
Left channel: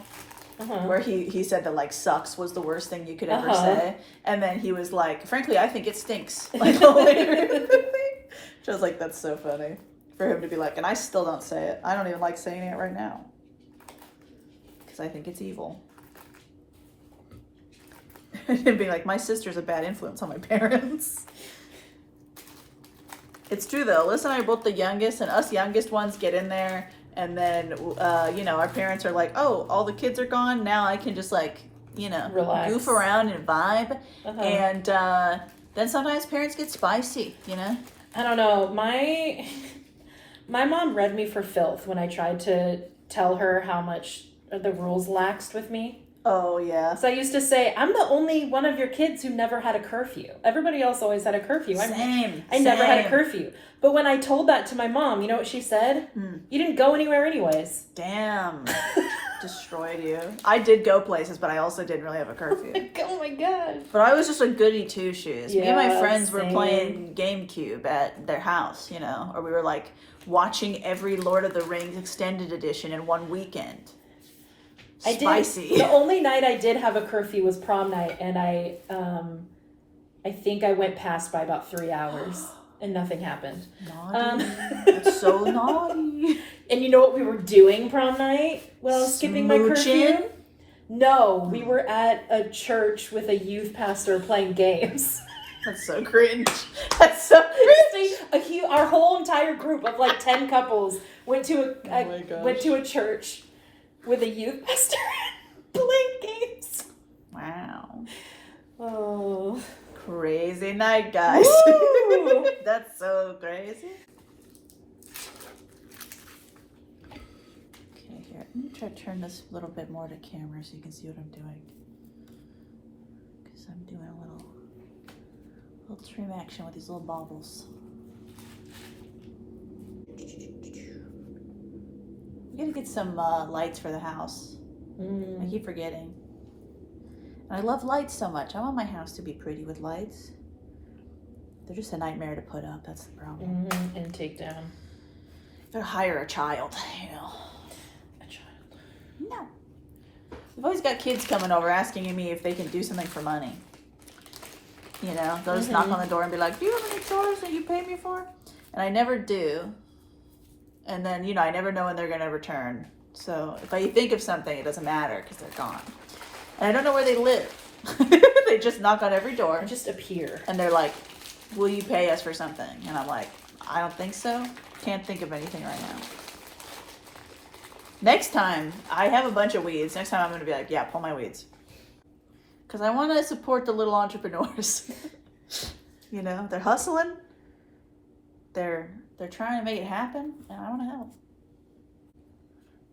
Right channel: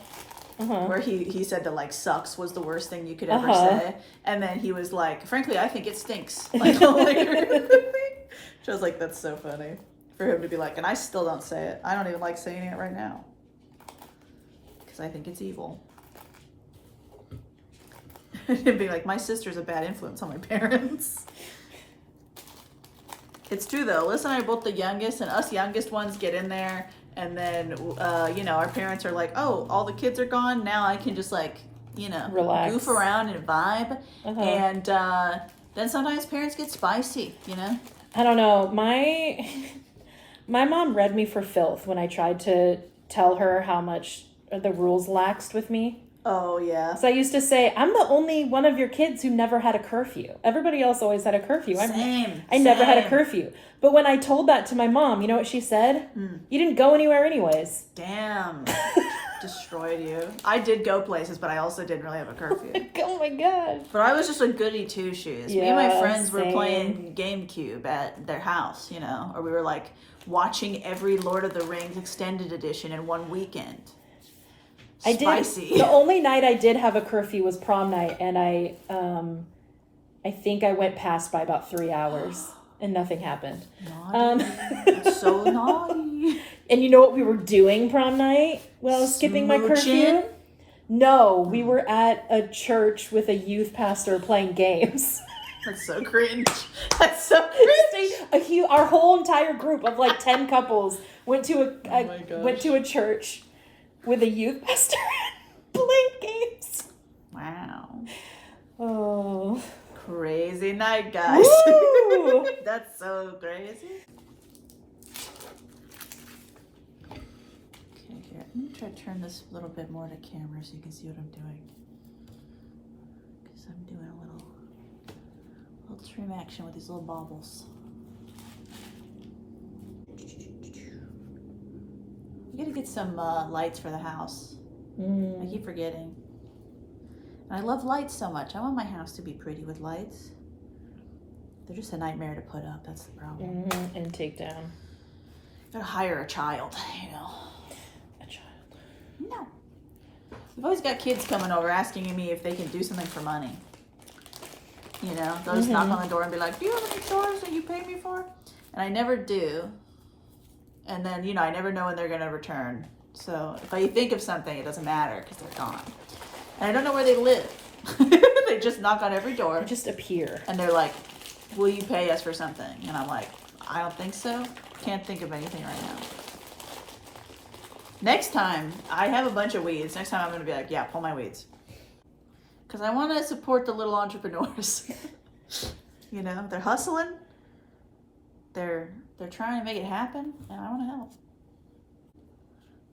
Where he said that like sucks was the worst thing you could ever say, and then he was like, frankly, I think it stinks. Like later, which I was like, that's so funny for him to be like, and I still don't say it. I don't even like saying it right now because I think it's evil. And being like, my sister's a bad influence on my parents. It's true though. Alyssa and I are both the youngest, and us youngest ones get in there. And then, our parents are like, oh, all the kids are gone. Now I can just relax, goof around and vibe. And then sometimes parents get spicy, I don't know. My mom read me for filth when I tried to tell her how much the rules laxed with me. Oh, yeah. So I used to say, I'm the only one of your kids who never had a curfew. Everybody else always had a curfew. I never had a curfew. But when I told that to my mom, you know what she said? You didn't go anywhere anyways. Damn. Destroyed you. I did go places, but I also didn't really have a curfew. Oh my God. But I was just a goody two-shoes. Me and my friends were playing GameCube at their house, or we were like watching every Lord of the Rings extended edition in one weekend. Spicy. The only night I did have a curfew was prom night, and I think I went past by about 3 hours, and nothing happened. Naughty. That's so naughty. And you know what we were doing prom night? Well, skipping my curfew. No, we were at a church with a youth pastor playing games. That's so cringe. That's so cringe. Our whole entire group of like 10 couples went to a church with a youth pastor playing games. Wow. Oh. Crazy night, guys. That's so crazy. Okay, here. Let me try to turn this a little bit more to camera so you can see what I'm doing. Because I'm doing a little trim action with these little baubles. We gotta get some lights for the house. I keep forgetting. And I love lights so much. I want my house to be pretty with lights. They're just a nightmare to put up. That's the problem. And take down. Gotta hire a child, A child. No. We've always got kids coming over asking me if they can do something for money. They'll just knock on the door and be like, do you have any chores that you pay me for? And I never do. And then, I never know when they're going to return. So if I think of something, it doesn't matter because they're gone. And I don't know where they live. They just knock on every door. They just appear. And they're like, will you pay us for something? And I'm like, I don't think so. Can't think of anything right now. Next time, I have a bunch of weeds. Next time I'm going to be like, yeah, pull my weeds. Because I want to support the little entrepreneurs. They're hustling. They're trying to make it happen, and I want to help.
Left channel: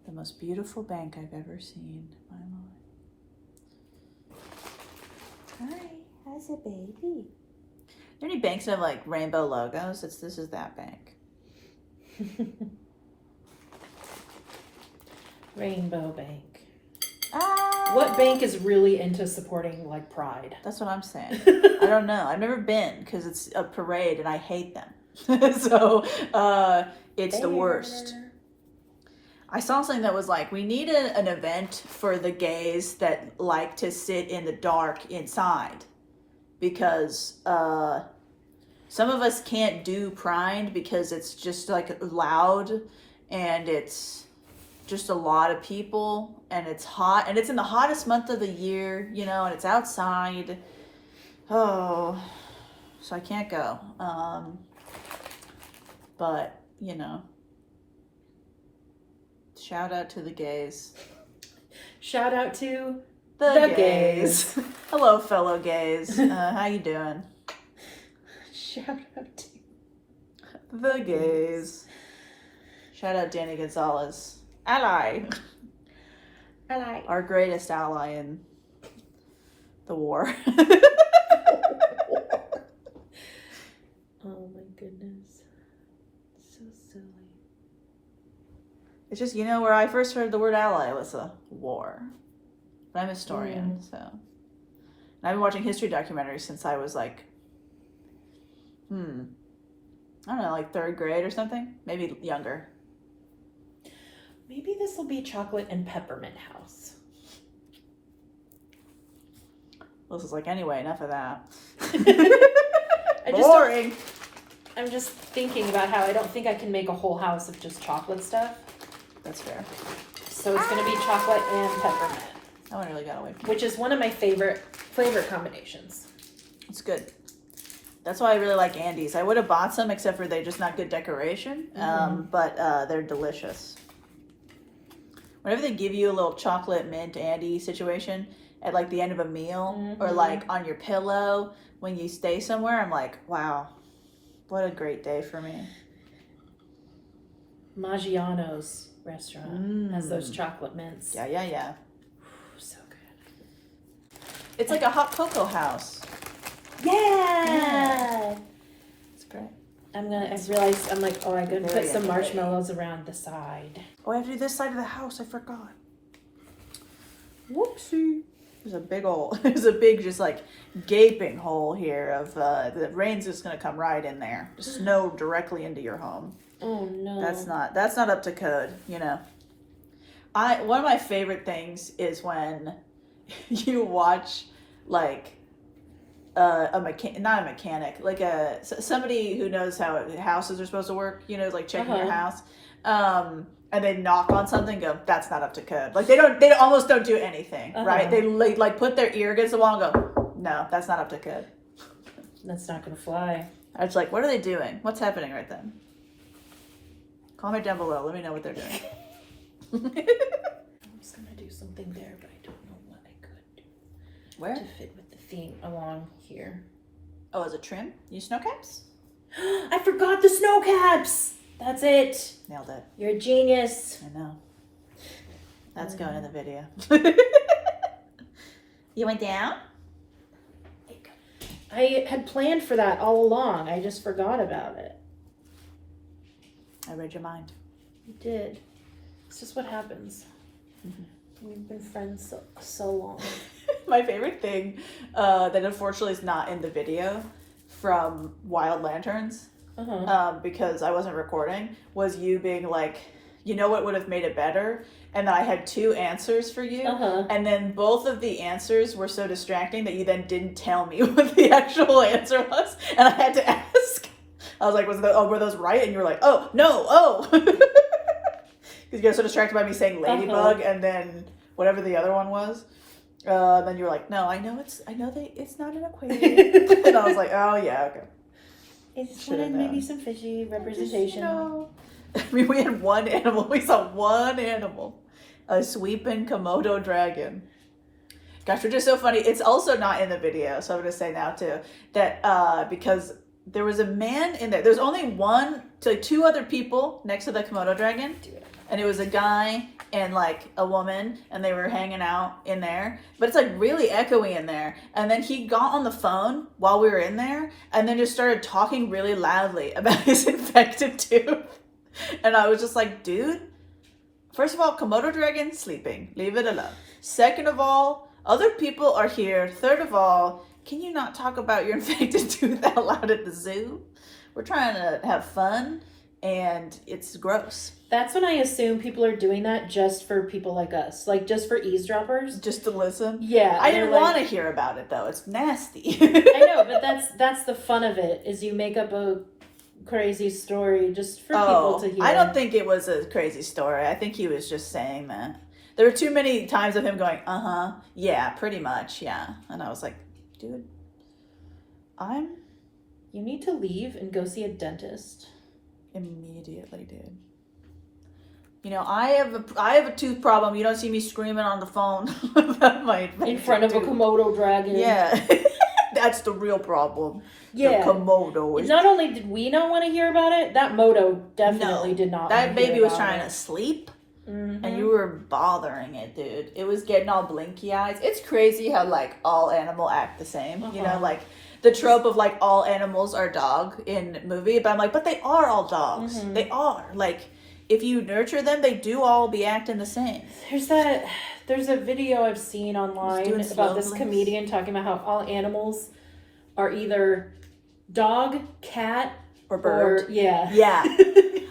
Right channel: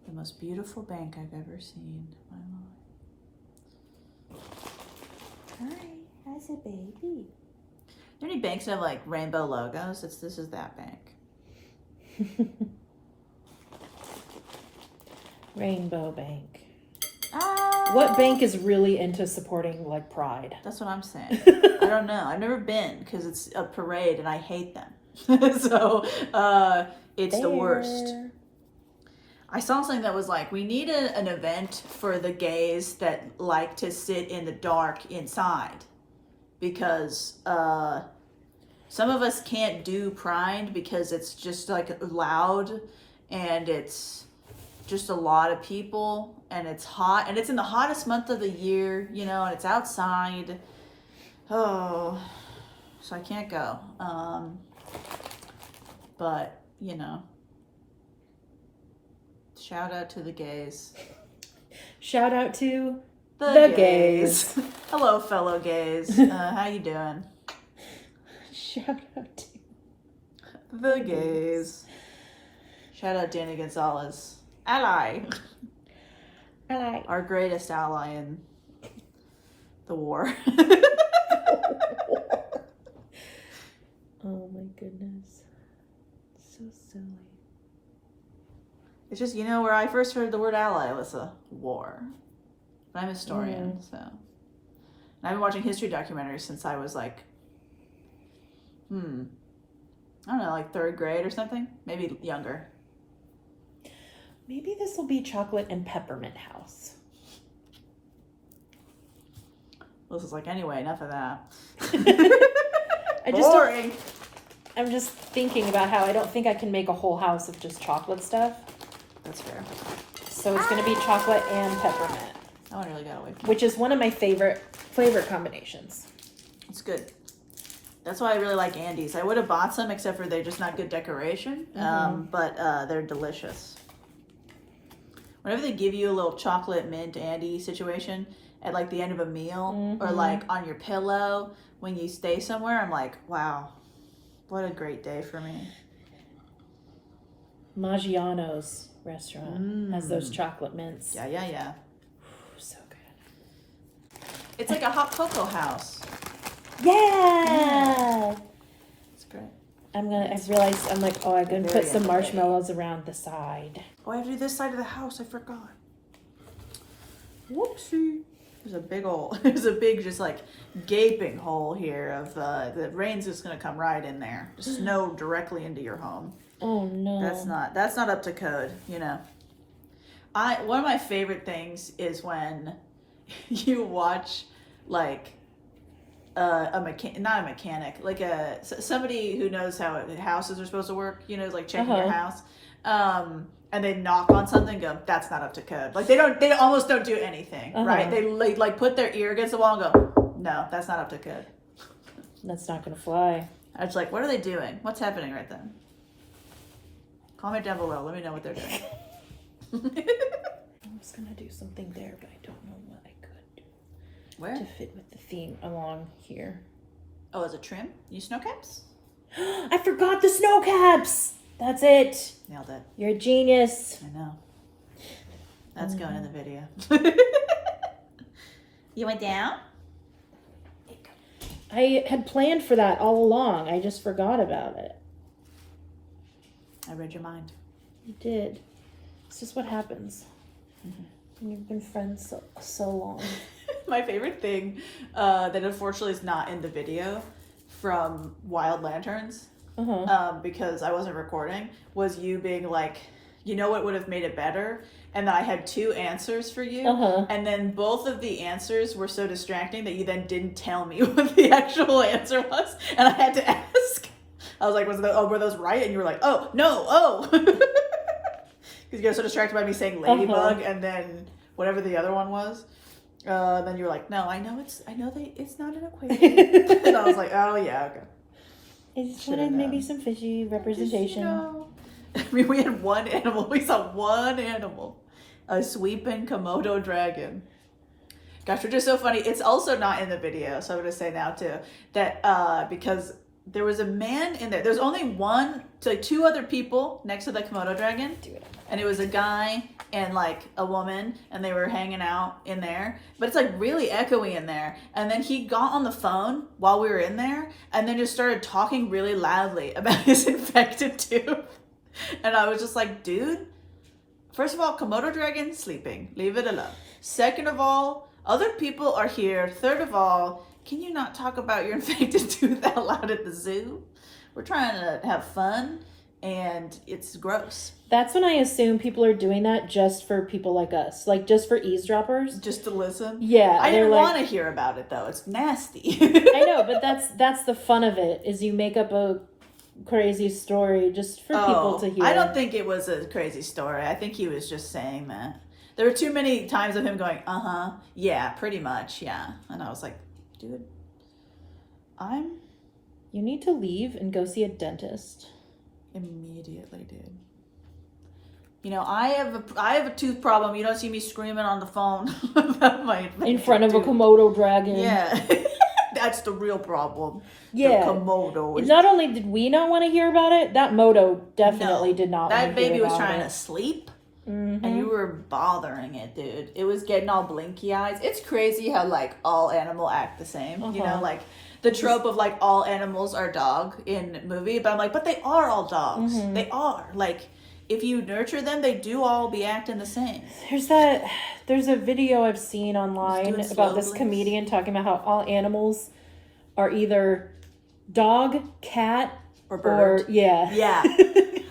The most beautiful bank I've ever seen in my life. Hi, how's a baby? Are there any banks that have like rainbow logos? This is that bank. Rainbow Bank. Ah, What bank is really into supporting like Pride? That's what I'm saying. I don't know. I've never been because it's a parade and I hate them. So it's the worst. I saw something that was like, we need an event for the gays that like to sit in the dark inside. Because some of us can't do Pride because it's just like loud and it's just a lot of people and it's hot and it's in the hottest month of the year, and it's outside. Oh, so I can't go. But, you know, shout out to the gays. Shout out to The gays. Hello, fellow gays. How you doing? Shout out to The gays. Shout out Danny Gonzalez. Ally. Ally. Our greatest ally in the war. Oh my goodness. So silly. It's just, you know, where I first heard the word ally, Alyssa? War. I'm a historian, so. And I've been watching history documentaries since I was like, I don't know, like 3rd grade or something? Maybe younger. Maybe this will be chocolate and peppermint house. Alyssa's like, anyway, enough of that. Boring. I'm just thinking about how I don't think I can make a whole house of just chocolate stuff. That's fair. So it's going to be chocolate and peppermint. That one really got away from me. Which is one of my favorite flavor combinations. It's good. That's why I really like Andes. I would have bought some, except for they're just not good decoration. But they're delicious. Whenever they give you a little chocolate mint Andy situation at like the end of a meal or like on your pillow when you stay somewhere, I'm like, wow, what a great day for me. Maggiano's restaurant has those chocolate mints. Yeah. So good. It's like a hot cocoa house. Yeah. It's great. I realized, I'm like, oh, I'm going to Very put some energetic. marshmallows around the side. Oh, I have to do this side of the house. I forgot. Whoopsie. There's a big just like gaping hole here of the rain's just going to come right in there. Just snow directly into your home. Oh, no. That's not up to code, you know. One of my favorite things is when you watch like not a mechanic, like somebody who knows how houses are supposed to work, you know, like checking your house, and they knock on something, go, that's not up to code. Like they almost don't do anything, right? They like put their ear against the wall and go, no, that's not up to code. That's not gonna fly. I was like, what are they doing? What's happening right then? Comment down below. Let me know what they're doing. I was gonna do something there, but I don't know what I could do. Where? To fit with the theme along here. Oh, as a trim? Use snow caps? I forgot the snow caps! That's it. Nailed it. You're a genius. I know. That's going in the video. You went down? I had planned for that all along. I just forgot about it. I read your mind. You did. It's just what happens. We've been friends so long. My favorite thing that unfortunately is not in the video from Wild Lanterns, because I wasn't recording, was you being like, you know what would have made it better? And then I had 2 answers for you. And then both of the answers were so distracting that you then didn't tell me what the actual answer was. And I had to ask. I was like, were those right? And you were like, oh, no, Because you got so distracted by me saying ladybug and then whatever the other one was. Then you were like, no, it's not an aquarium. And I was like, oh, yeah, okay. It's Should've known. maybe some fishy representation. Just, you know. I mean, we had one animal. We saw one animal. A sweeping Komodo dragon. Gosh, which is so funny. It's also not in the video, so I'm going to say now, too, that because there was a man in there. There's only 2 other people next to the Komodo dragon. And it was a guy and like a woman, and they were hanging out in there, but it's like really echoey in there. And then he got on the phone while we were in there and then just started talking really loudly about his infected tooth. And I was just like, dude, first of all, Komodo dragon sleeping, leave it alone. Second of all, other people are here. Third of all, can you not talk about your infected tooth out loud at the zoo? We're trying to have fun and it's gross. That's when I assume people are doing that just for people like us, like just for eavesdroppers. Just to listen? Yeah. I didn't want to hear about it though. It's nasty. I know, but that's the fun of it, is you make up a crazy story just for people to hear. I don't think it was a crazy story. I think he was just saying that. There were too many times of him going, yeah, pretty much, yeah. And I was like, dude, I'm You need to leave and go see a dentist. Immediately, dude. You know, I have a tooth problem. You don't see me screaming on the phone about my In front of tooth. a Komodo dragon. Yeah. That's the real problem. Yeah. The Komodo. Not only did we not want to hear about it, that Moto definitely did not. That baby was trying trying to sleep. Mm-hmm. And you were bothering it, dude. It was getting all blinky eyes. It's crazy how, like, all animal act the same. You know, like, the trope of, like, all animals are dog in movie. But I'm like, but they are all dogs. Mm-hmm. They are. Like, if you nurture them, they do all be acting the same. There's a video I've seen online about this comedian talking about how all animals are either dog, cat, or bird. Yeah.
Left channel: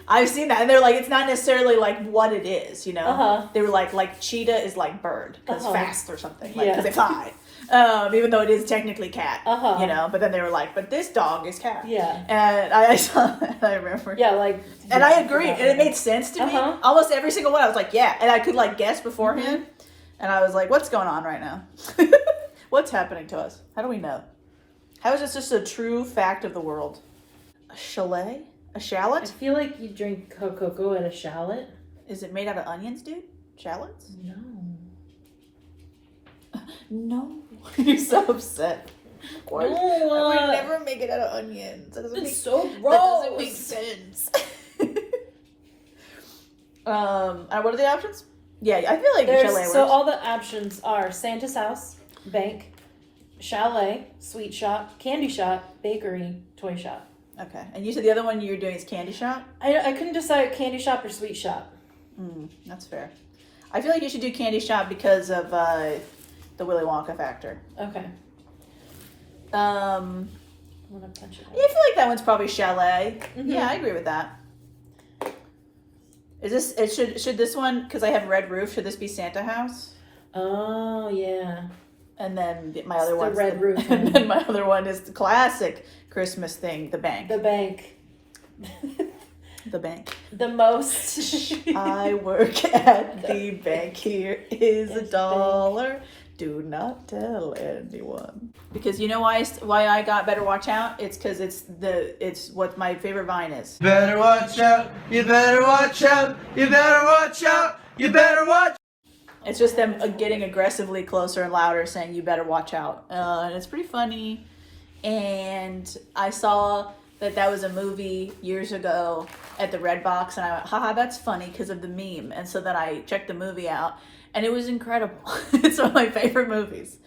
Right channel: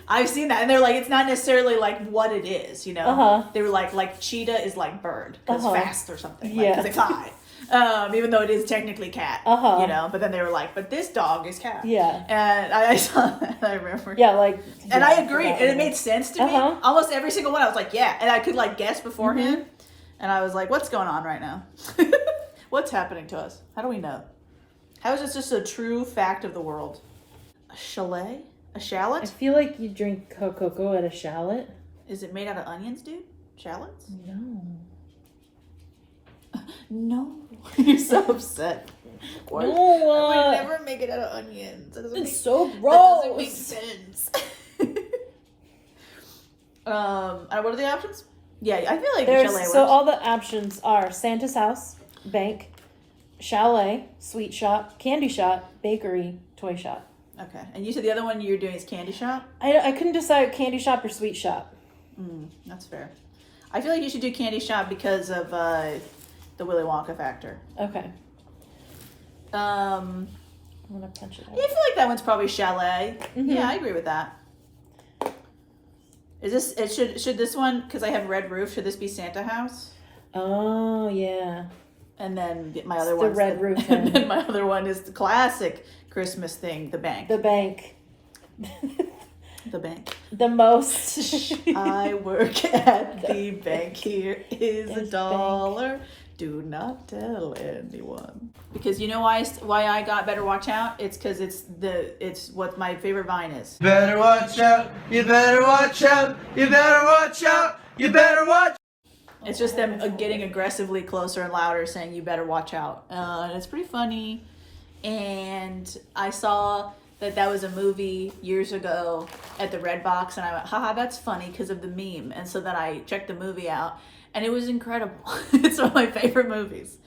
I've seen that, and they're like, it's not necessarily like what it is, you know. They were like cheetah is like bird because fast or something, like because they fly. Even though it is technically cat, you know. But then they were like, but this dog is cat. Yeah. And I saw that. I remember. Yeah, like. And I agreed, and it made sense to me. Almost every single one, I was like, yeah, and I could like guess beforehand, and I was like, what's going on right now? What's happening to us? How do we know? How is this just a true fact of the world? A chalet? A shallot? I feel like you drink cocoa at a shallot. Is it made out of onions, dude? Shallots? No. No. You're so upset. Of course. No, I would never make it out of onions. That doesn't so gross. That doesn't make sense. And what are the options? Yeah, I feel like chalet works. So all the options are Santa's house, bank, chalet, sweet shop, candy shop, bakery, toy shop. Okay. And you said the other one you're doing is candy shop? I couldn't decide candy shop or sweet shop. That's fair. I feel like you should do candy shop because of the Willy Wonka factor. Okay. I'm gonna punch it. Yeah, I feel like that one's probably chalet. Yeah, I agree with that. Is this should this one, because I have red roof, should this be Santa house? Oh yeah. And then my other one's the red roof. And then my other one is the classic Christmas thing, the bank. The bank. The bank. The most. I work at the bank. Here is $1. Do not tell anyone. Because you know why I got Better Watch Out? It's because it's what my favorite vine is. Better watch out. You better watch out. You better watch out. You better watch. It's just them getting aggressively closer and louder saying, you better watch out. And it's pretty funny. And I saw that was a movie years ago at the Redbox. And I went, haha, that's funny because of the meme. And so then I checked the movie out. And it was incredible. It's one of my favorite movies.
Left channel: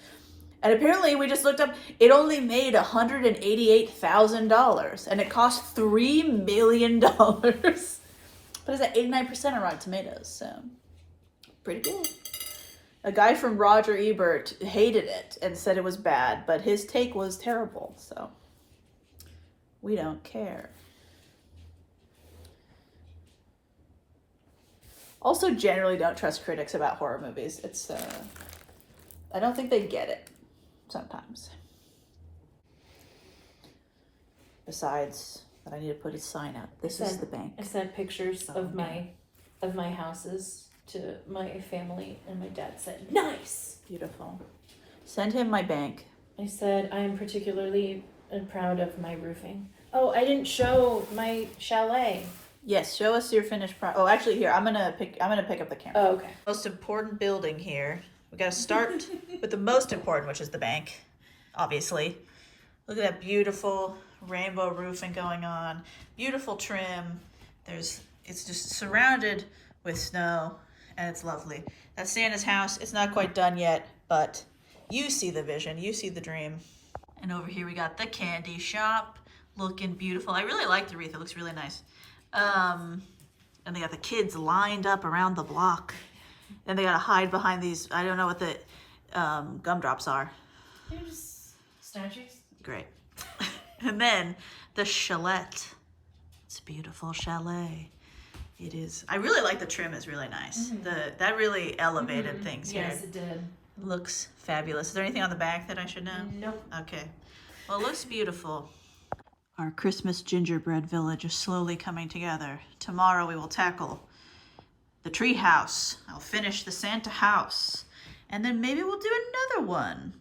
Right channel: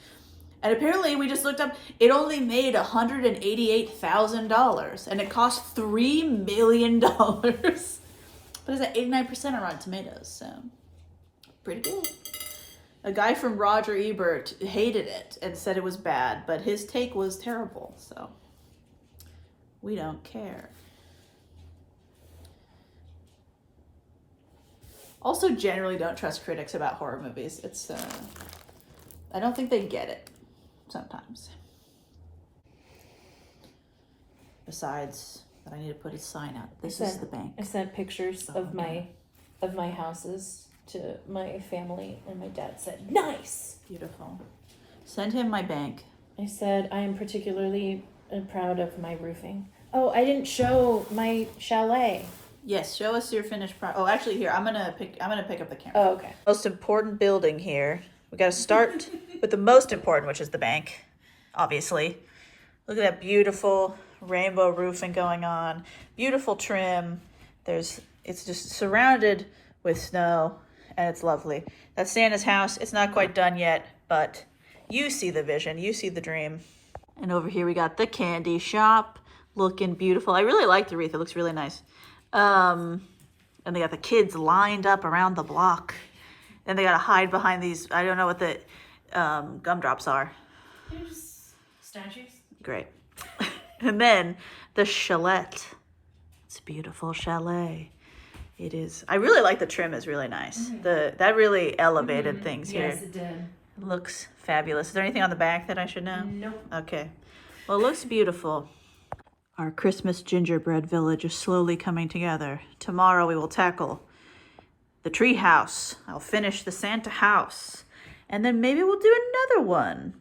And apparently we just looked up, it only made $188,000. And it cost $3 million. But it's at 89% on Rotten Tomatoes. So pretty good. A guy from Roger Ebert hated it and said it was bad, but his take was terrible, so we don't care. Also, generally don't trust critics about horror movies. It's, I don't think they get it sometimes. Besides that I need to put a sign out. This is the bank. I sent pictures of my houses to my family, and my dad said, nice. Beautiful. Send him my bank. I said, I am particularly proud of my roofing. Oh, I didn't show my chalet. Yes, show us your finished product. Oh, actually, here, I'm gonna pick up the camera. Oh, okay. Most important building here. We gotta start with the most important, which is the bank, obviously. Look at that beautiful rainbow roofing going on. Beautiful trim. It's just surrounded with snow, and it's lovely. That's Santa's house. It's not quite done yet, but you see the vision. You see the dream. And over here we got the candy shop, looking beautiful. I really like the wreath. It looks really nice. And they got the kids lined up around the block. And they gotta hide behind these, I don't know what the gumdrops are. They're just statues. Great. And then the chalet. It's a beautiful chalet. It is. I really like the trim. Is really nice. That really elevated things here. Yes, it did. It looks fabulous. Is there anything on the back that I should know? Nope. Okay. Well, it looks beautiful. Our Christmas gingerbread village is slowly coming together. Tomorrow we will tackle the tree house. I'll finish the Santa house. And then maybe we'll do another one.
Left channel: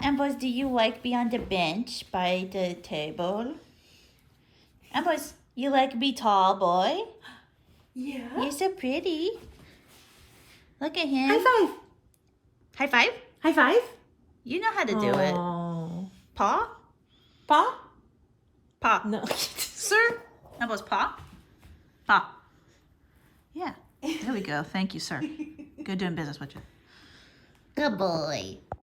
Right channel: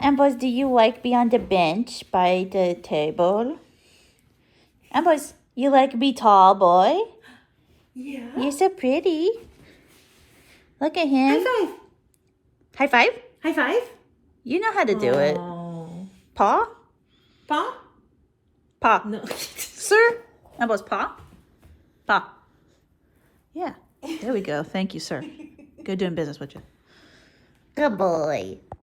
Ambrose, do you like be on the bench by the table? Ambrose, you like be tall, boy? Yeah. You're so pretty. Look at him. High five. High five? High five. You know how to do it. Oh. Paw? Paw? Paw. No. Sir? Ambrose, paw? Paw. Yeah. There we go. Thank you, sir. Good doing business with you. Good boy.